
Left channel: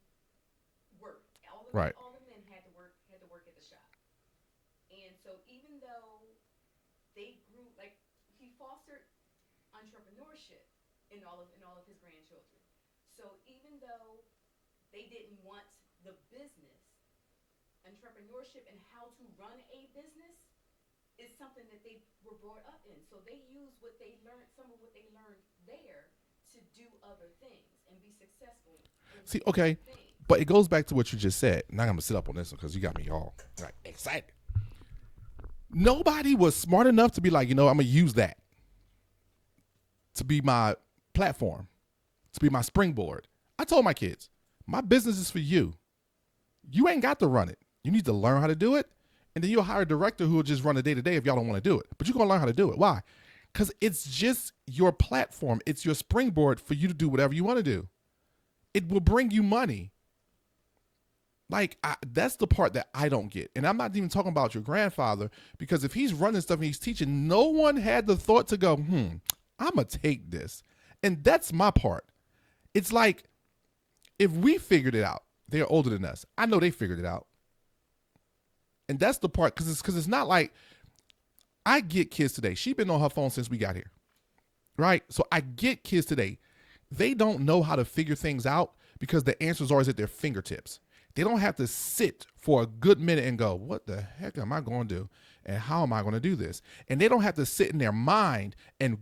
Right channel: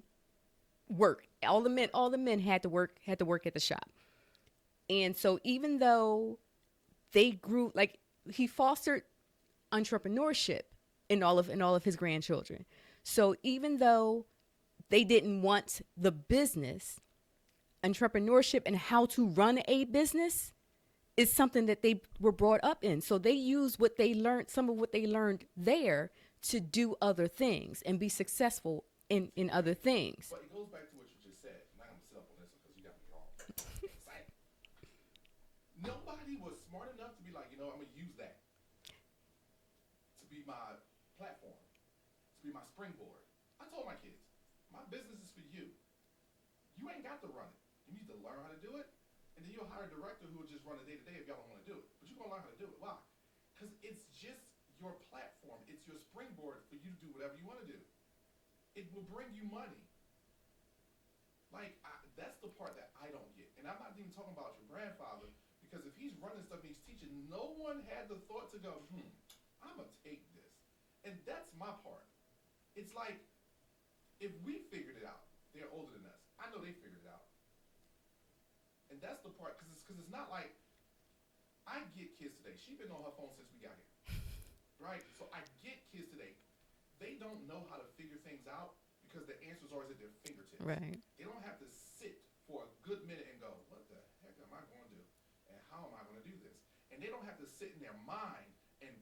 work. All the men had to work at the shop. And so even though they grew, like, he fostered entrepreneurship in all of his grandchildren. So even though they didn't want the business, entrepreneurship and how to run a business is something that they were brought up in. So they use some of what they learned there to do other things and be successful in other things. But it goes back to what you just said. Now I'm going to sit up on this one because you got me all excited. Nobody was smart enough to be like, I'm going to use that to be my platform, to be my springboard. I told my kids, my business is for you. You ain't got to run it. You need to learn how to do it. And then you'll hire a director who will just run the day-to-day if y'all don't want to do it. But you're going to learn how to do it. Why? Because it's just your platform. It's your springboard for you to do whatever you want to do. It will bring you money. Like, that's the part that I don't get. And I'm not even talking about your grandfather, because if he's running stuff and he's teaching, no one had the thought to go, I'm going to take this. And that's my part. It's like, if we figured it out, they're older than us. I know they figured it out. And that's the part, because it's not like, I get kids today. She's been on her phone since we got here, right? So I get kids today. They don't know how to figure things out because the answer's always at their fingertips. Right. They don't have to sit for a good minute and go, what the heck am I going to do? And how am I going to do this? And they don't have to sit in their mind and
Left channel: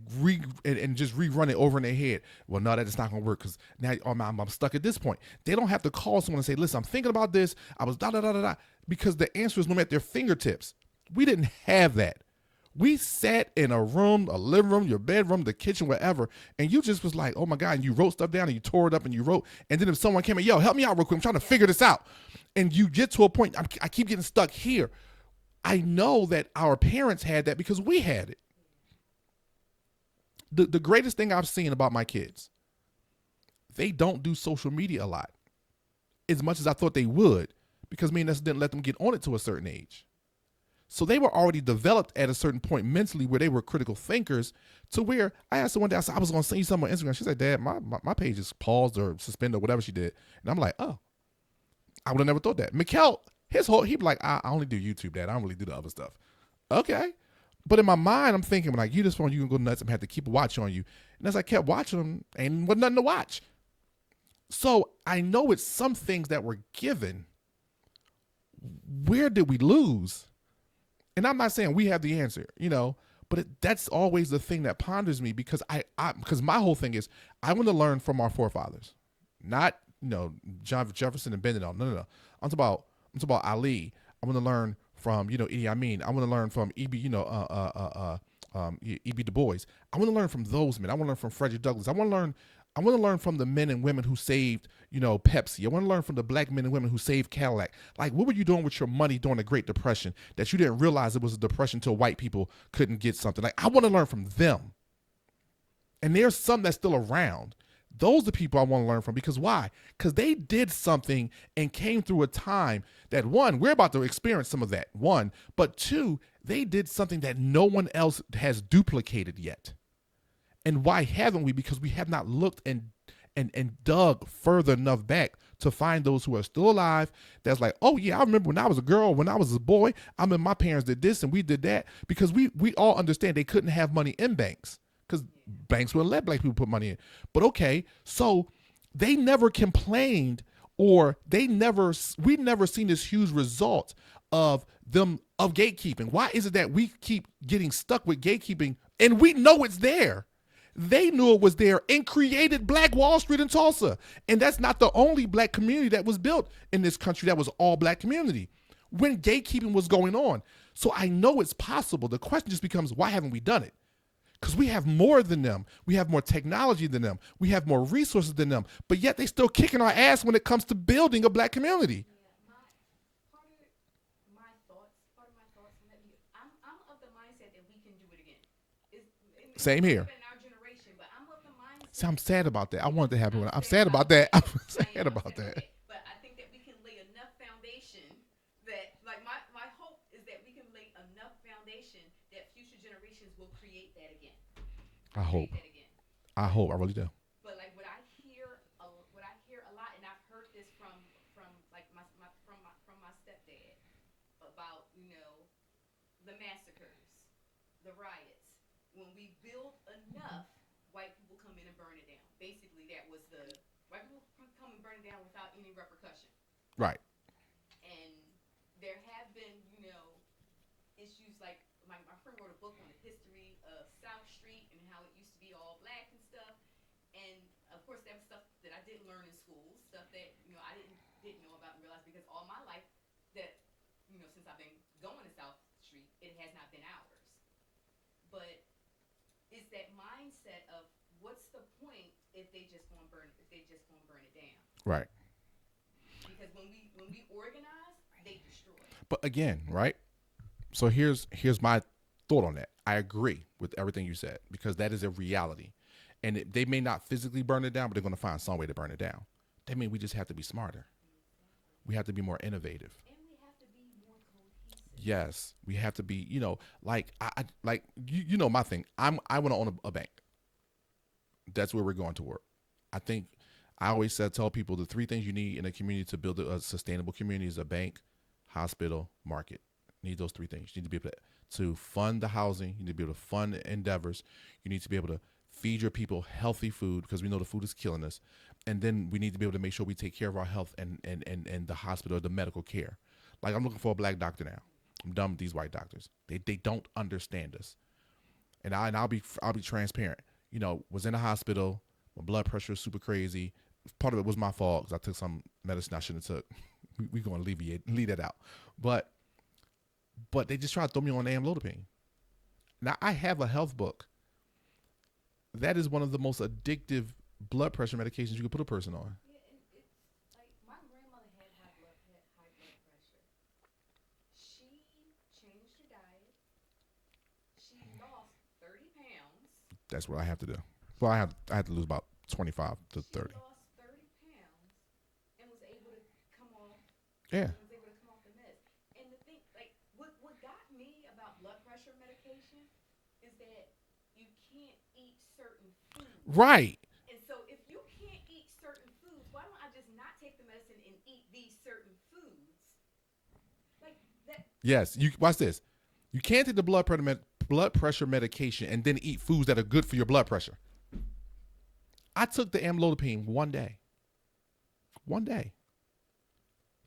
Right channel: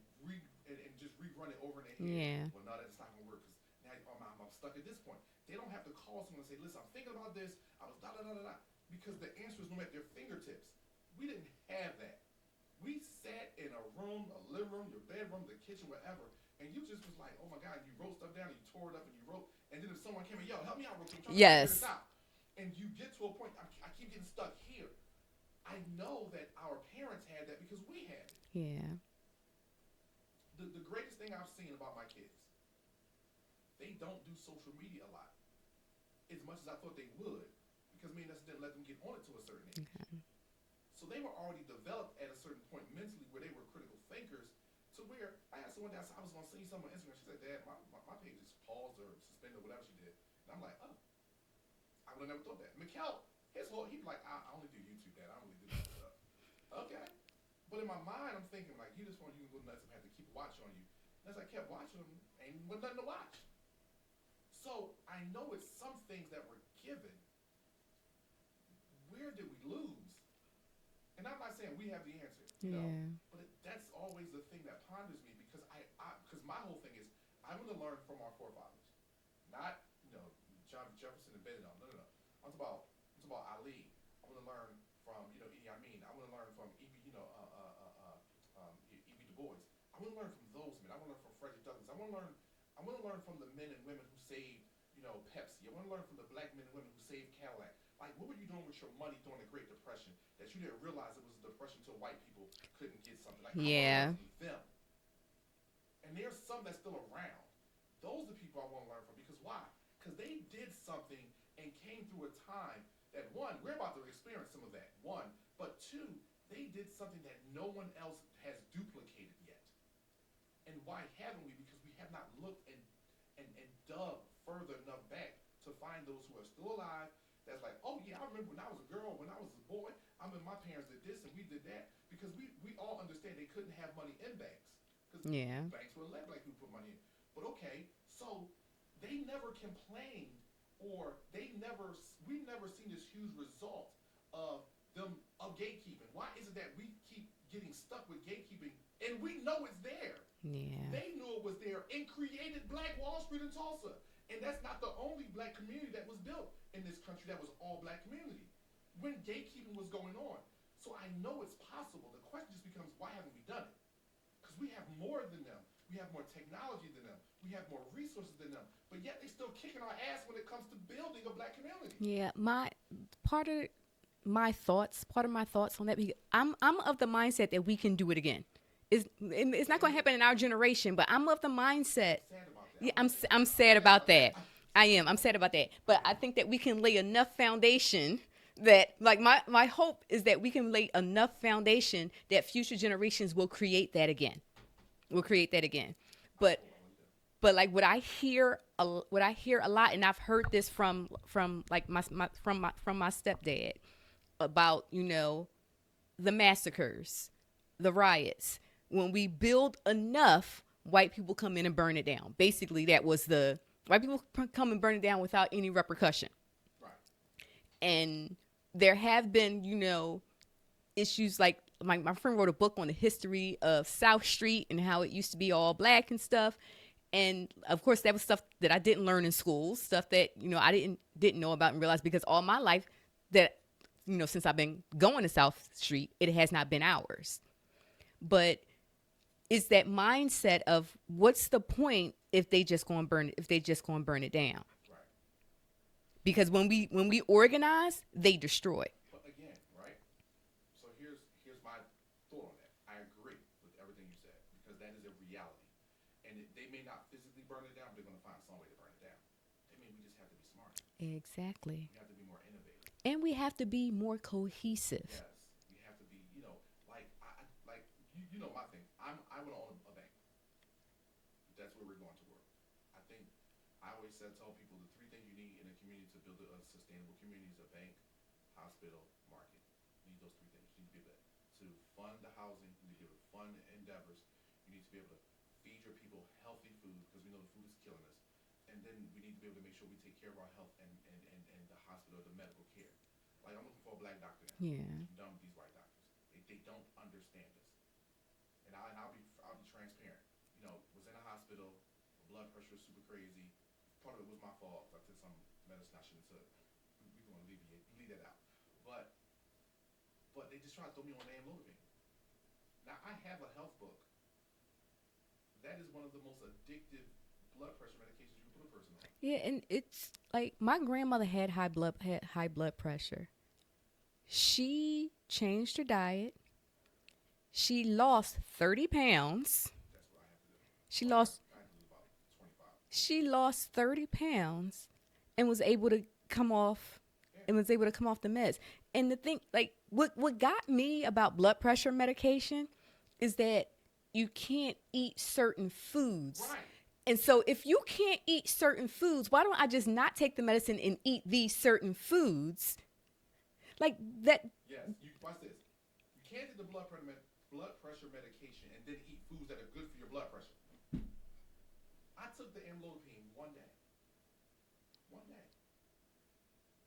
just rerun it over in their head. Yeah. Well, no, that's not going to work because now I'm stuck at this point. They don't have to call someone and say, listen, I'm thinking about this. I was da-da-da-da-da. Because the answer is at their fingertips. We didn't have that. We sat in a room, a living room, your bedroom, the kitchen, wherever, and you just was like, oh my God, and you wrote stuff down and you tore it up and you wrote. And then if someone came in, yo, help me out real quick. I'm trying to figure this out. And you get to a point, I keep getting stuck here. I know that our parents had that because we had it. Yeah. The greatest thing I've seen about my kids, they don't do social media a lot, as much as I thought they would, because me and us didn't let them get on it to a certain age. So they were already developed at a certain point mentally where they were critical thinkers, to where I asked her one day, I said, I was going to send you something on Instagram. She said, Dad, my page is paused or suspended or whatever she did. And I'm like, oh, I would have never thought that. Mickel, He'd be like, I only do YouTube, Dad. I don't really do the other stuff. Okay. But in my mind, I'm thinking, like, you just want you can go nuts. I'm have to keep a watch on you. And as I kept watching them, ain't was nothing to watch. So I know it's some things that were given. Where did we lose? And I'm not saying we have the answer, but that's always the thing that ponders me because because my whole thing is I want to learn from our forefathers, not John Jefferson and Benedict. No. I'm talking about Ali. I want to learn from Idi Amin. I want to learn from E.B. E.B. Du Bois. I want to learn from those men. I want to learn from Frederick Douglass. I want to learn from the men and women who saved Pepsi. I want to learn from the black men and women who saved Cadillac. Like, what were you doing with your money during the Great Depression that you didn't realize it was a depression till white people couldn't get something? Like, I want to learn from them. And there's some that's still around. Those are the people I want to learn from. Because why? Because they did something and came through a time that, one, we're about to experience some of that, one. But two, they did something that no one else has duplicated yet. And why haven't we? Because we have not looked and dug further enough back to find those who are still alive. That's like, oh yeah, I remember when I was a girl, when I was a boy, I remember my parents did this and we did that. Because we all understand they couldn't have money in banks because banks wouldn't let black people put money in. But okay, so they never complained or we've never seen this huge result of gatekeeping. Why is it that we keep getting stuck with gatekeeping and we know it's there? They knew it was there and created Black Wall Street in Tulsa. And that's not the only black community that was built in this country that was all black community when gatekeeping was going on. So I know it's possible. The question just becomes, why haven't we done it? Because we have more than them. We have more technology than them. We have more resources than them. But yet they still kicking our ass when it comes to building a black community. Yeah, part of my thoughts on that, I'm of the mindset that we can do it again. It's not going to happen in our generation, but I'm of the mindset. See, I'm sad about that. I want it to happen. I'm sad about that. I'm sad about that. But I think that we can lay enough foundation that, like, my hope is that we can lay enough foundation that future generations will create that again. I hope. I really do. But like what I hear a lot, and I've heard this from like my stepdad about the massacres, the riots. When we build enough, white people come in and burn it down. Basically, that was the white people come and burn it down without any repercussion. Right. And there have been, issues like my friend wrote a book on the history of South Street and how it used to be all black and stuff. And of course, that was stuff that I didn't learn in school, stuff that, I didn't know about and realize because all my life that, since I've been going to South Street, it has not been ours. But it's that mindset of what's the point if they just going to burn it down. Right. Because when we organize, they destroy. But again, right? So here's my thought on that. I agree with everything you said because that is a reality. And they may not physically burn it down, but they're going to find some way to burn it down. That means we just have to be smarter. Exactly. We have to be more innovative. And we have to be more cohesive. Yes. We have to be, like my thing. I want to own a bank. That's where we're going to work. I think I always tell people the three things you need in a community to build a sustainable community is a bank, hospital, market. You need those three things. You need to be able to fund the housing. You need to be able to fund endeavors. You need to be able to feed your people healthy food because we know the food is killing us. And then we need to be able to make sure we take care of our health and the hospital, the medical care. Like I'm looking for a black doctor now. Yeah. I'm done with these white doctors. They don't understand us. And I'll be transparent. Was in a hospital. My blood pressure is super crazy. Part of it was my fault because I took some medicine I shouldn't have took. We're going to leave that out. But they just try to throw me on amlodipine. Now I have a health book. That is one of the most addictive blood pressure medications you could put a person on. Yeah, and it's like my grandmother had high blood pressure. She changed her diet. She lost 30 pounds. That's what I have to do. I had to lose about 25 to 30. She lost 30 pounds and was able to come off the meds. And the thing, like, what got me about blood pressure medication is that you can't eat certain foods. Right. And so if you can't eat certain foods, why don't I just not take the medicine and eat these certain foods Like that. Yes, you watch this. You can't take the blood pressure medication and then eat foods that are good for your blood pressure. I took the amlodipine one day. One day.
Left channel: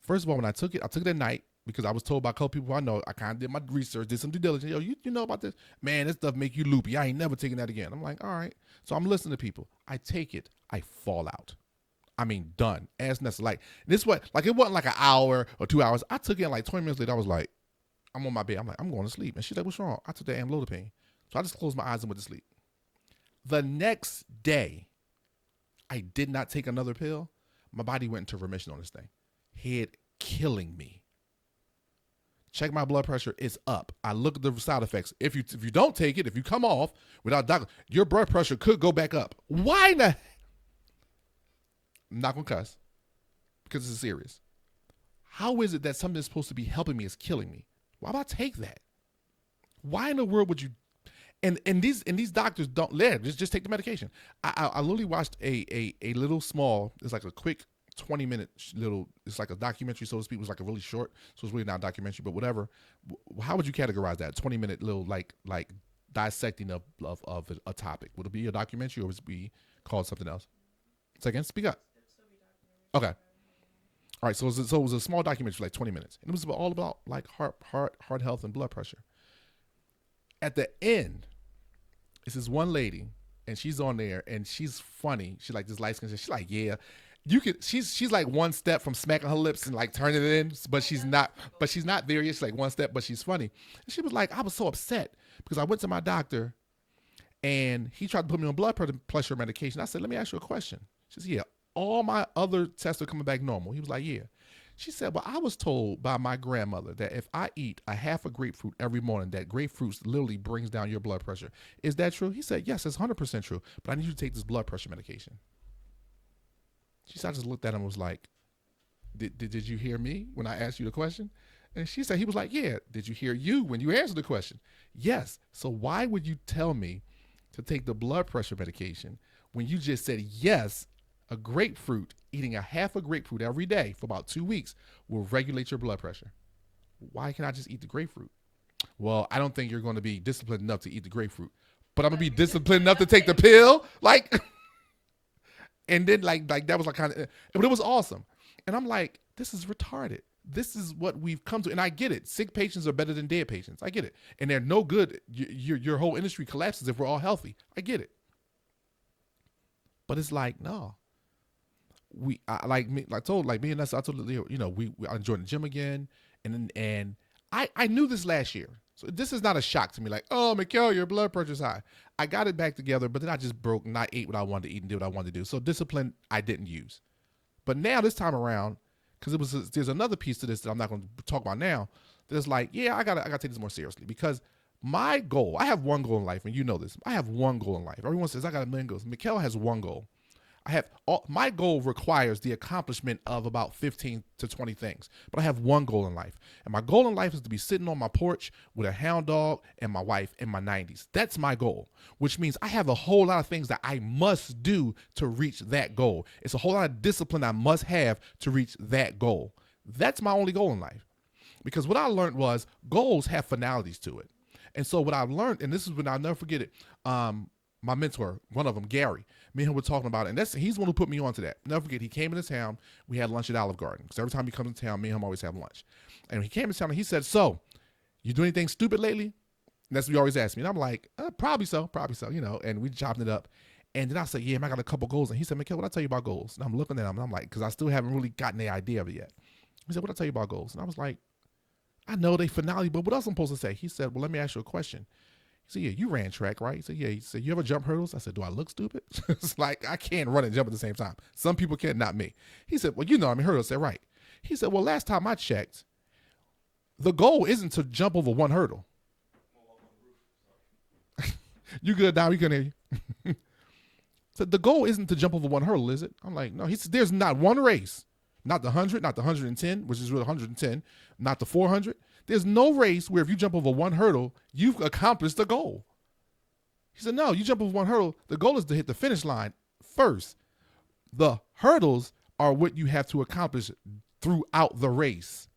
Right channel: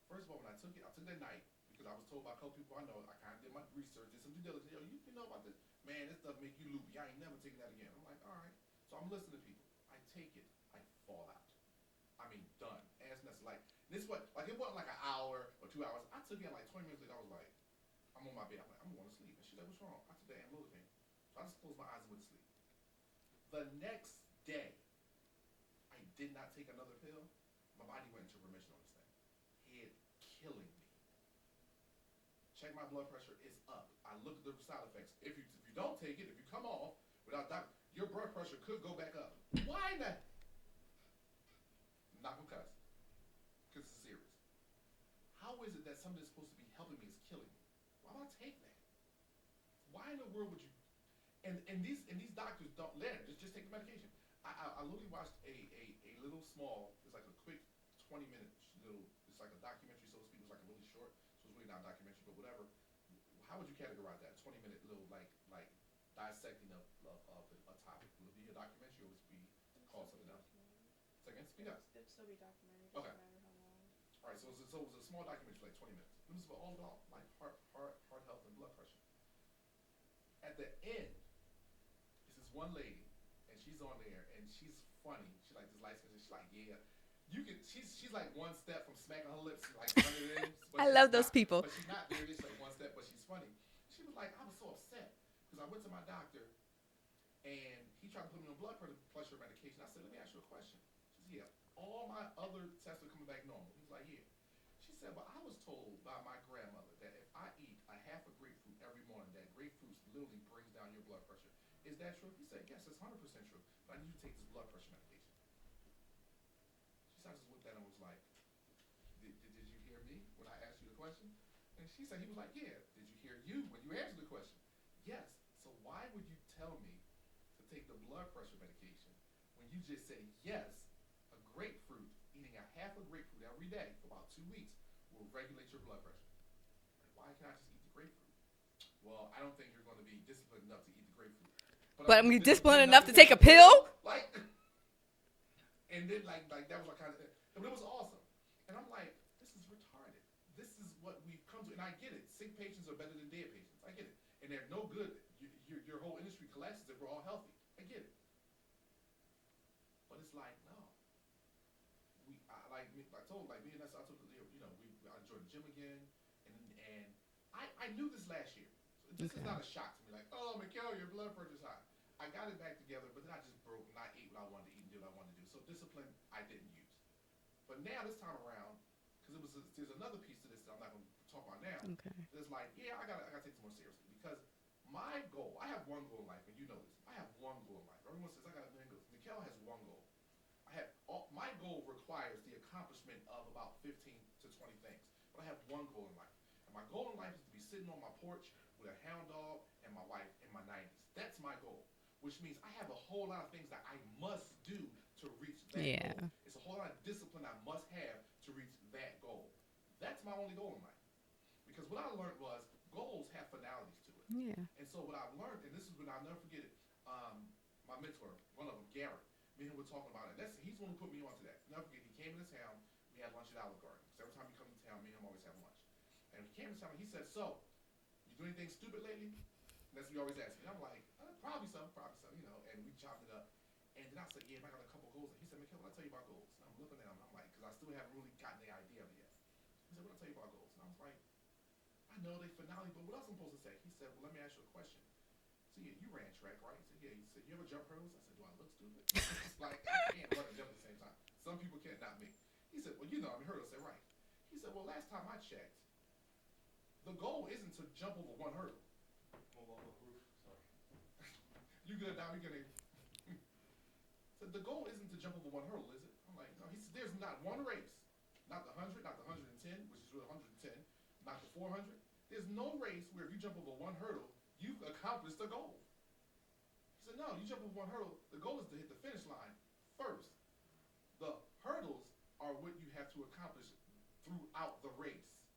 First of all, when I took it at night because I was told by a couple people I know. I kind of did my research, did some due diligence. Yo, you know about this? Man, this stuff make you loopy. I ain't never taking that again. I'm like, all right. So I'm listening to people. I take it. I fall out. I mean, done. As necessary. Like, this what, like, it wasn't like an hour or 2 hours. I took it and like 20 minutes later, I was like, I'm on my bed. I'm like, I'm going to sleep. And she's like, what's wrong? I took the amlodipine. So I just closed my eyes and went to sleep. The next day, I did not take another pill. My body went into remission on this thing. Head killing me. Check my blood pressure. It's up. I look at the side effects. If you don't take it, if you come off without doctor, your blood pressure could go back up. Why not? I'm not going to cuss because it's serious. How is it that something that's supposed to be helping me is killing me? Why would I take that? Why in the world would you? And these doctors don't just take the medication. I literally watched a little small. It's like a quick 20-minute little. It's like a documentary, so to speak. It was like a really short, so it's really not a documentary, but whatever. How would you categorize that? 20-minute little like dissecting of a topic. Would it be a documentary or would it be called something else? Second, speak up. Okay. All right. So it was a small documentary for like 20 minutes, and it was all about like heart health and blood pressure. At the end, it's this one lady, and she's on there, and she's funny. She like this light skin. She's like, yeah, you could. She's like one step from smacking her lips and like turning it in, but she's not. Those people. But she's not there yet. She's like one step, but she's funny. And she was like, I was so upset because I went to my doctor, and he tried to put me on blood pressure medication. I said, let me ask you a question. She said, yeah, all my other tests are coming back normal. He was like, yeah. She said, well, I was told by my grandmother that if I eat a half a grapefruit every morning, that grapefruit literally brings down your blood pressure. Is that true? He said, yes, it's 100% true, but I need you to take this blood pressure medication. She said, I just looked at him and was like, did you hear me when I asked you the question? And she said, he was like, yeah. Did you hear you when you answered the question? Yes. So why would you tell me to take the blood pressure medication when you just said, yes, a grapefruit, eating a half a grapefruit every day for about 2 weeks will regulate your blood pressure? Why can't I just eat the grapefruit? Well, I don't think you're going to be disciplined enough to eat the grapefruit, but I'm going to be disciplined enough to take the pill. Like, and then like that was like kind of, but it was awesome. And I'm like, this is retarded. This is what we've come to. And I get it. Sick patients are better than dead patients. I get it. And they're no good. Your whole industry collapses if we're all healthy. I get it. But it's like, no. I told Leo, you know, I enjoyed the gym again, and I knew this last year, so this is not a shock to me. Like, oh, Mickel, your blood pressure's high. I got it back together, but then I just broke and I ate what I wanted to eat and did what I wanted to do. So discipline I didn't use, but now this time around, because there's another piece to this that I'm not going to talk about now. Okay. There's like, yeah, I gotta take this more seriously because my goal. I have one goal in life, and you know this. I have one goal in life. Everyone says I got a million goals. Mickel has one goal. My goal requires the accomplishment of about 15 to 20 things, but I have one goal in life. And my goal in life is to be sitting on my porch with a hound dog and my wife in my 90s. That's my goal, which means I have a whole lot of things that I must do to reach that goal. It's a whole lot of discipline I must have to reach that goal. That's my only goal in life. Because what I learned was goals have finalities to it. Yeah. And so what I've learned, and this is when I'll never forget it, my mentor, one of them, Gary, me and him were talking about it, and he's the one who put me onto that. Never forget, he came into town. We had lunch at Olive Garden because every time he comes to town, me and him always have lunch. And he came to town and he said, "So, you do anything stupid lately?" And that's what he always asked me. And I'm like, probably so, you know. And we chopped it up. And then I said, "Yeah, man, I got a couple goals." And he said, "Mickel, what I tell you about goals?" And I'm looking at him, and I'm like, because I still haven't really gotten the idea of it yet. He said, "What I tell you about goals?" And I was like, "I know they finale, but what else I'm supposed to say?" He said, "Well, let me ask you a question." He said, "Yeah, you ran track, right?" He said, "Yeah." He said, "You ever jump hurdles?" I said, "Do I look stupid?" It's like, I can't run and jump at the same time. Some people can, not me. He said, "Well, you know, I mean, hurdles." I said, "Right." He said, "Well, last time I checked, the goal isn't to jump over one hurdle." You good, Dom? You couldn't hear you. So the goal isn't to jump over one hurdle, is it? I'm like, no. He said, there's not one race, not the 100, not the 110, which is really 110, not the 400. There's no race where if you jump over one hurdle, you've accomplished the goal. He said, no, you jump over one hurdle. The goal is to hit the finish line first. The hurdles are what you have to accomplish throughout the race.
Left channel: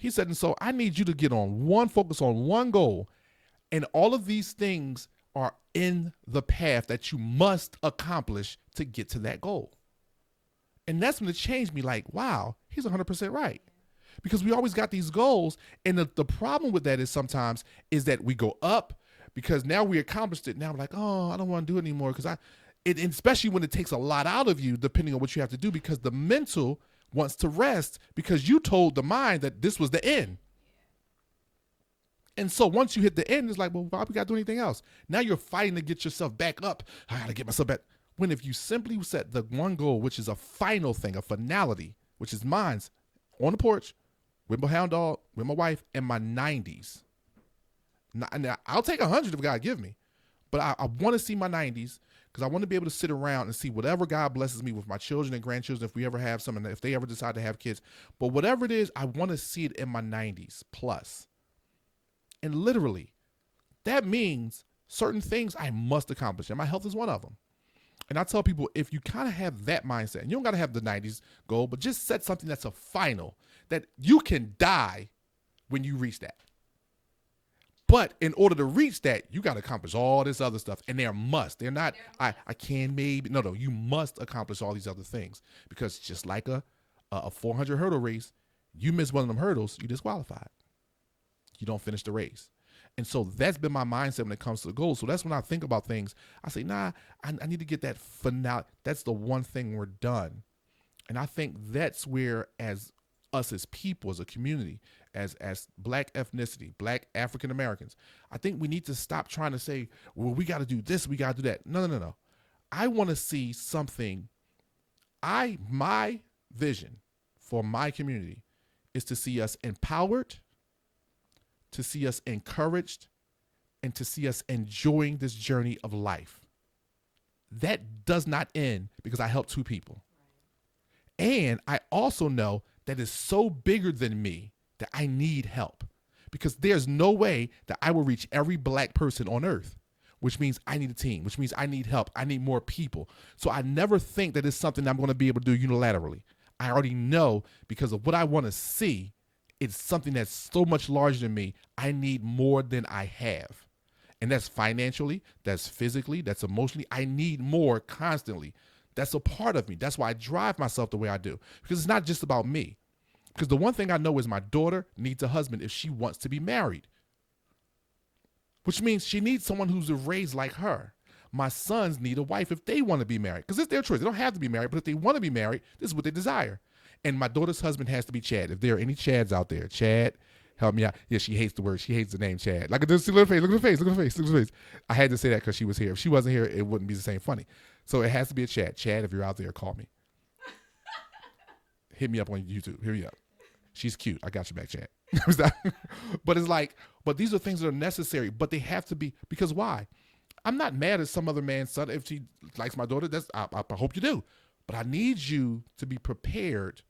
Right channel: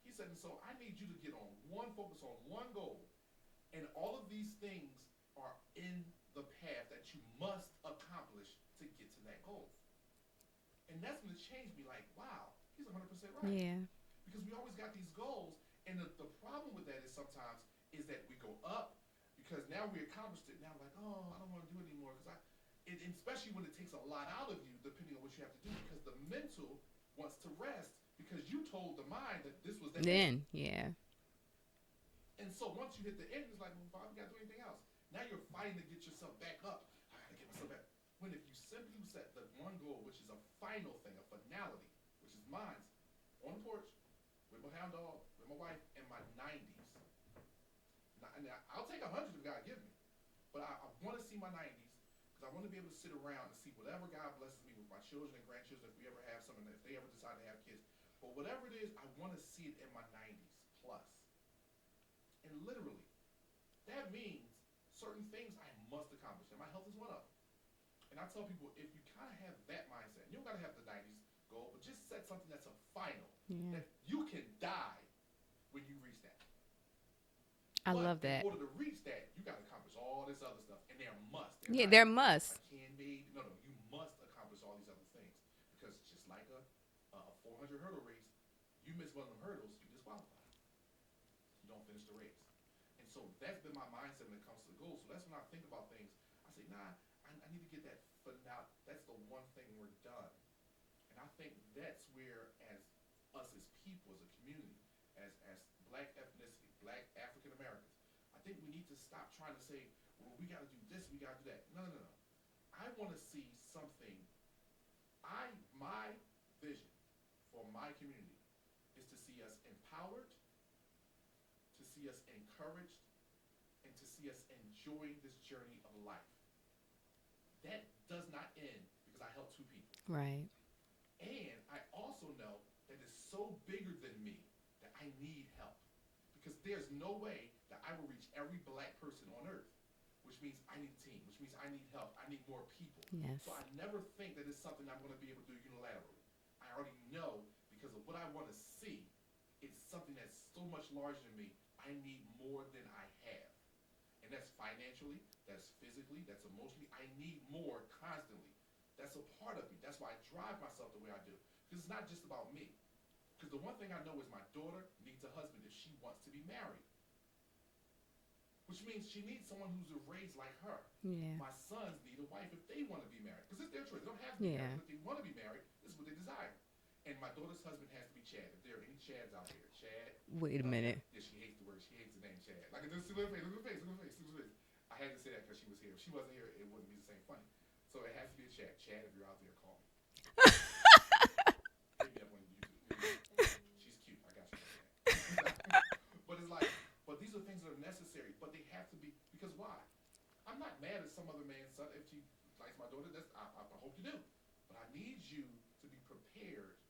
He said, and so I need you to get on one, focus on one goal. And all of these things are in the path that you must accomplish to get to that goal. And that's when it changed me, like, wow, he's 100% right. Yeah. Because we always got these goals. And the problem with that is sometimes is that we go up because now we accomplished it. Now we're like, oh, I don't want to do it anymore. Because especially when it takes a lot out of you, depending on what you have to do, because the mental wants to rest because you told the mind that this was the end. Yeah. And so once you hit the end, it's like, well, why we got to do anything else? Now you're fighting to get yourself back up. I got to get myself back. When if you simply set the one goal, which is a final thing, a finality, which is mine's, on the porch, with my hound dog, with my wife, in my 90s. Now, I'll take 100 if God give me. But I want to see my 90s because I want to be able to sit around and see whatever God blesses me with my children and grandchildren, if we ever have some, and if they ever decide to have kids. But whatever it is, I want to see it in my 90s plus. And literally, that means certain things I must accomplish. And my health is one of them. And I tell people, if you kind of have that mindset, and you don't got to have the 90s goal, but just set something that's a final, that you can die when you reach that. But in order to reach that, you got to accomplish all this other stuff. And they're must. They're not. They're must. I can maybe. No, you must accomplish all these other things. Because just like a 400 hurdle race, you miss one of them hurdles, you disqualified. You don't finish the race. And so that's been my mindset when it comes to the goals. So that's when I think about things. I say, nah, I need to get that finale. That's the one thing we're done. And I think that's where, as us as people, as a community, as black ethnicity, black African Americans, I think we need to stop trying to say, well, we got to do this, we got to do that. No. I want to see something. My vision for my community is to see us empowered, to see us encouraged, and to see us enjoying this journey of life. That does not end because I helped two people. Right. And I also know that it's so bigger than me that I need help, because there's no way that I will reach every black person on earth, which means I need a team, which means I need help. I need more people. So I never think that it's something I'm going to be able to do unilaterally. I already know, because of what I want to see, it's something that's so much larger than me. I need more than I have. And that's financially, that's physically, that's emotionally. I need more constantly. That's a part of me. That's why I drive myself the way I do, because it's not just about me. Because the one thing I know is my daughter needs a husband if she wants to be married, which means she needs someone who's raised like her. Yeah. My sons need a wife if they want to be married, because it's their choice. They don't have to be married, but if they want to be married, this is what they desire. And my daughter's husband has to be Chad. If there are any Chads out there, Chad, help me out. Yeah, she hates the word. She hates the name Chad. Like, look at her face. Look at her face. Look at her face. Look at her face. I had to say that because she was here. If she wasn't here, it wouldn't be the same funny. So it has to be a Chad. Chad, if you're out there, call me. Hit me up on YouTube. Hit me up. She's cute. I got you back, Chad. But it's like, but these are things that are necessary. But they have to be, because why? I'm not mad at some other man's son. If she likes my daughter, I hope you do. But I need you to be prepared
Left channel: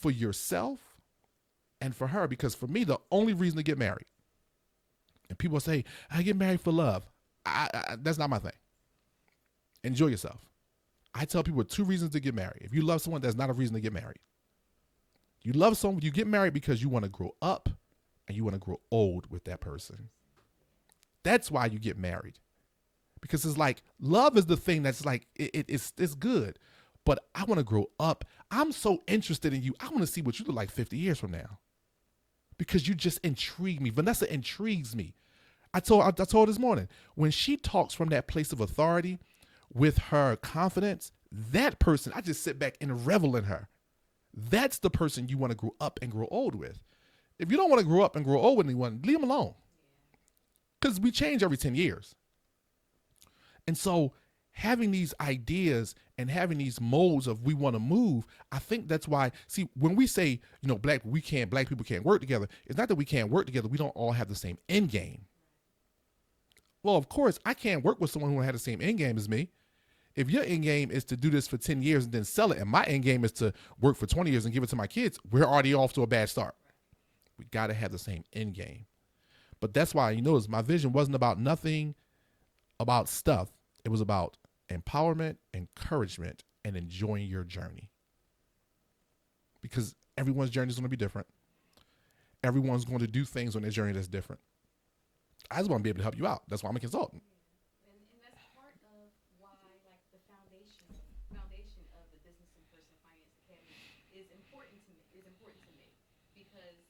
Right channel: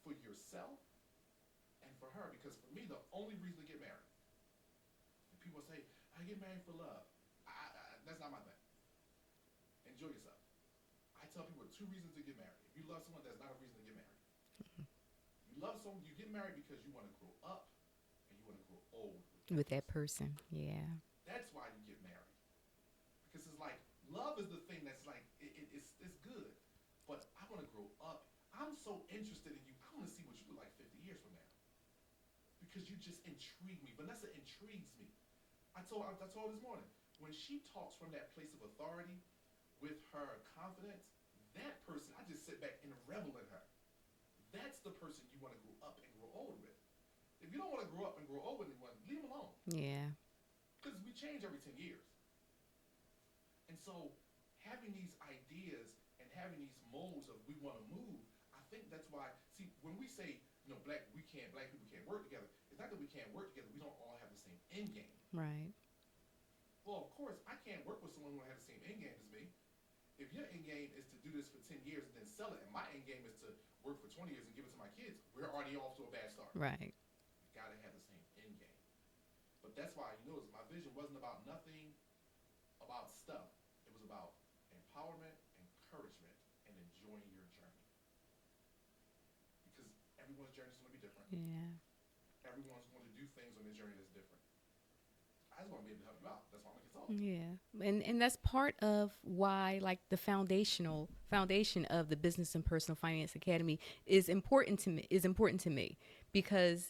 for yourself and for her, because for me, the only reason to get married, and people say, I get married for love. That's not my thing. Enjoy yourself. I tell people 2 reasons to get married. If you love someone, that's not a reason to get married. You love someone, you get married because you want to grow up and you want to grow old with that person. Yeah. That's why you get married. Because it's like, love is the thing that's like, it's good, but I want to grow up. I'm so interested in you. I want to see what you look like 50 years from now, because you just intrigue me. Vanessa intrigues me. I told her this morning, when she talks from that place of authority with her confidence, that person, I just sit back and revel in her. That's the person you want to grow up and grow old with. If you don't want to grow up and grow old with anyone, leave them alone. Yeah. Because we change every 10 years. And so having these ideas and having these molds of we want to move, I think that's why, see, when we say, black people can't work together, it's not that we can't work together. We don't all have the same end game. Right. Well, of course, I can't work with someone who had the same end game as me. If your end game is to do this for 10 years and then sell it, and my end game is to work for 20 years and give it to my kids, we're already off to a bad start. Right. We got to have the same end game. But that's why, you notice my vision wasn't about nothing about stuff. It was about empowerment, encouragement, and enjoying your journey. Because Everyone's journey is going to be different. Yeah. Everyone's going to do things on their journey that's different. I just want to be able to help you out. That's why I'm a consultant. Yeah, and that's part of why, like, the foundation of the Business and Personal Finance Academy is important to me because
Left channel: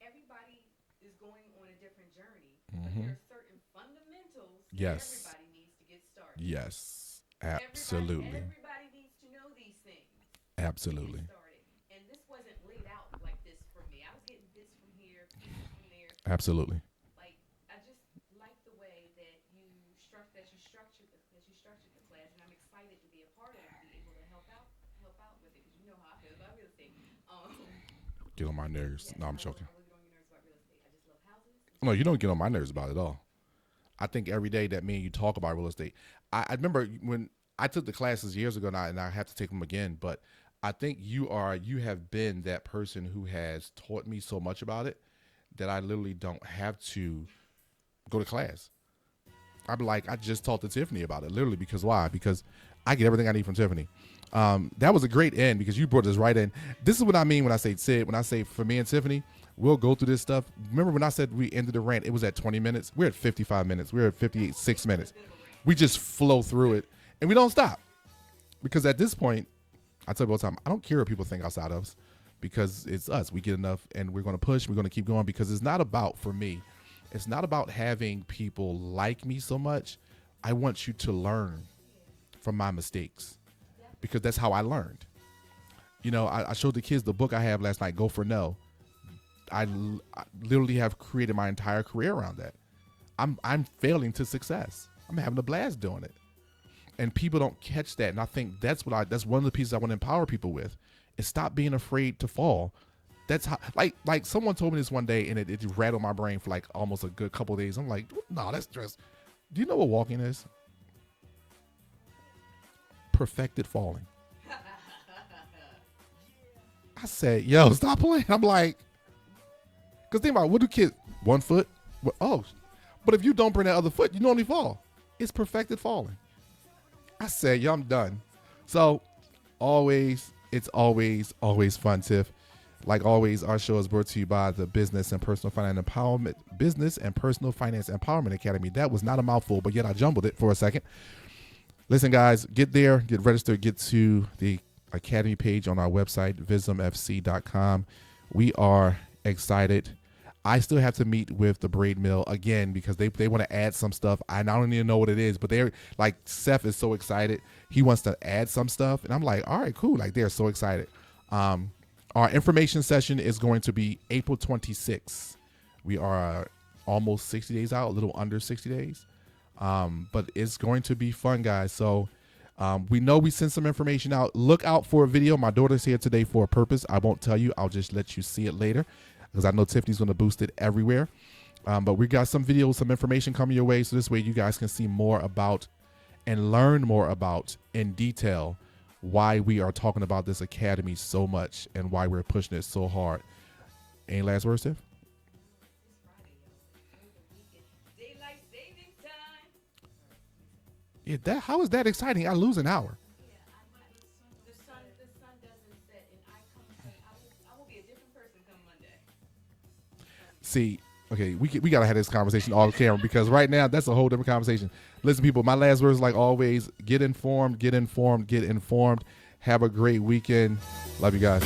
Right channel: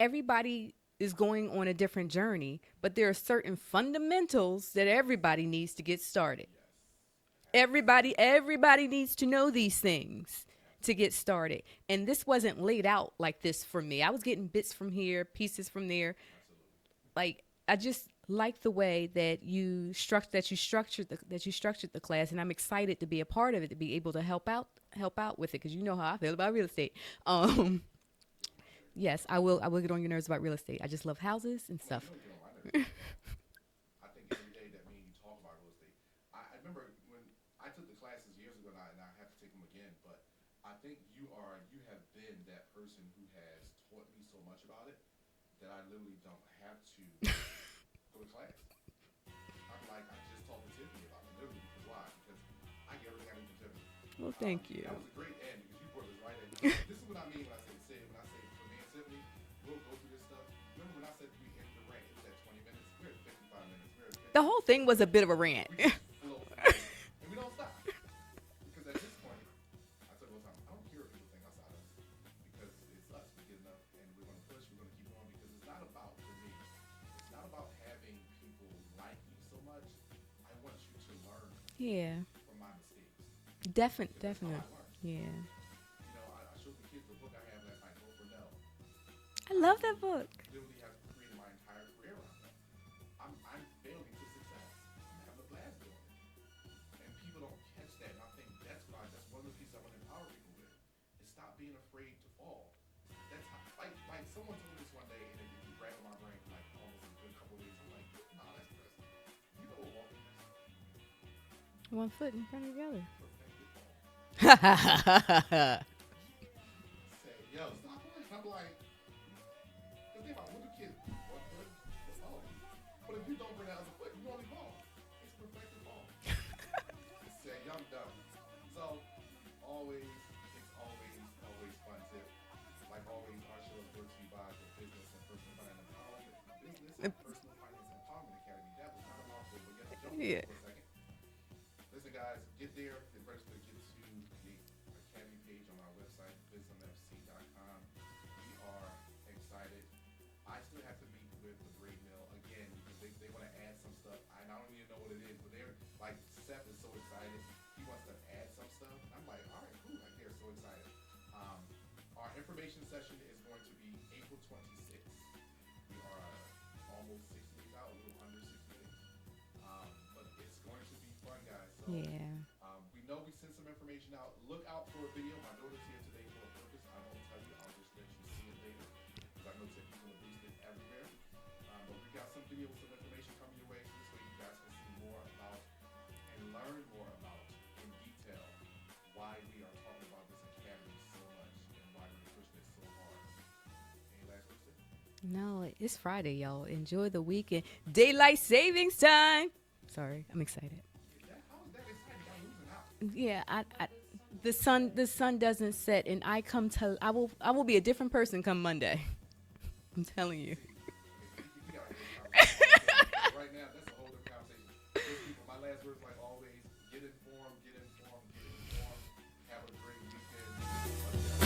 everybody is going on a different journey, but there are certain fundamentals that everybody needs to get started. Yes. Everybody needs to know these things to get started. And this wasn't laid out like this for me. I was getting bits from here, pieces from there. Absolutely. Like, I just like the way that you structured the class, and I'm excited to be a part of it, to be able to help out with it, because you know how I feel about real estate. Get on my nerves. Yes, No, I will get on your nerves about real estate. I just love houses. And no, stuff. you don't get on my nerves about it at all. I think every day that me and you talk about real estate, I remember when I took the classes years ago now, and I have to take them again, but I think you have been that person who has taught me so much about it that I literally don't have to go to class. I'm like, I just talked to Tiffany about it, literally, because why? Because I get everything I need from Tiffany. That was a great end, because you brought us right in. This is what I mean when I say Sid, when I say for me and Tiffany, we'll go through this stuff. Remember when I said we ended the rant, it was at 20 minutes. We're at 55 minutes. We're at 56 minutes. The whole thing was a bit of a rant. We just flow through it, and we don't stop. Because at this point, I tell you all the time, I don't care what people think outside of us, because it's us. We get enough, and we're going to push. We're going to keep going, because it's not about, for me, it's not about having people like me so much. I want you to learn from my mistakes. Definitely. Because that's how I learned. Yeah. You know, I showed the kids the book I have last night, Go For No. I love that book. I literally have created my entire career around that. I'm failing to success. I'm having a blast doing it. And people don't catch that. And I think that's one of the pieces I want to empower people with, is stop being afraid to fall. That's how, like someone told me this one day, and it rattled my brain for like almost a good couple of days. I'm like, no, that's just, do you know what walking is? One foot in front of the other. Perfected falling. I said, yo, stop playing. I'm like, because think about it, what do kids, 1 foot? But if you don't bring that other foot, you normally fall. It's perfected falling. I said, yo, I'm done. So it's always fun, Tiff. Like always, our show is brought to you by the Business and Personal Finance Empowerment Academy. That was not a mouthful, but yet I jumbled it for a second. Listen, guys, get there, get registered, get to the Academy page on our website, vismfc.com. We are excited. I still have to meet with the braid mill again, because they want to add some stuff. I don't even know what it is, but they're like, Seth is so excited. He wants to add some stuff. And I'm like, all right, cool. Like, they're so excited. Our information session is going to be April 26th. We are almost 60 days out, a little under 60 days. But it's going to be fun, guys. So we know we sent some information out. Look out for a video. My daughter's here today for a purpose. I won't tell you. I'll just let you see it later, because I know Tiffany's going to boost it everywhere. But we got some videos, some information coming your way. So this way you guys can see more about and learn more about in detail why we are talking about this academy so much and why we're pushing it so hard. Any last words, Tiff? No, it's Friday, y'all. Enjoy the weekend. Daylight savings time. Sorry, I'm excited. Yeah, how is that exciting? I lose an hour. Yeah, the sun doesn't set, and I will be a different person come Monday. I'm telling you. See, okay, we gotta have this conversation off camera, because right now that's a whole different conversation. Listen, people, my last words, like always, get informed, get informed, get informed. Have a great weekend. Love you guys.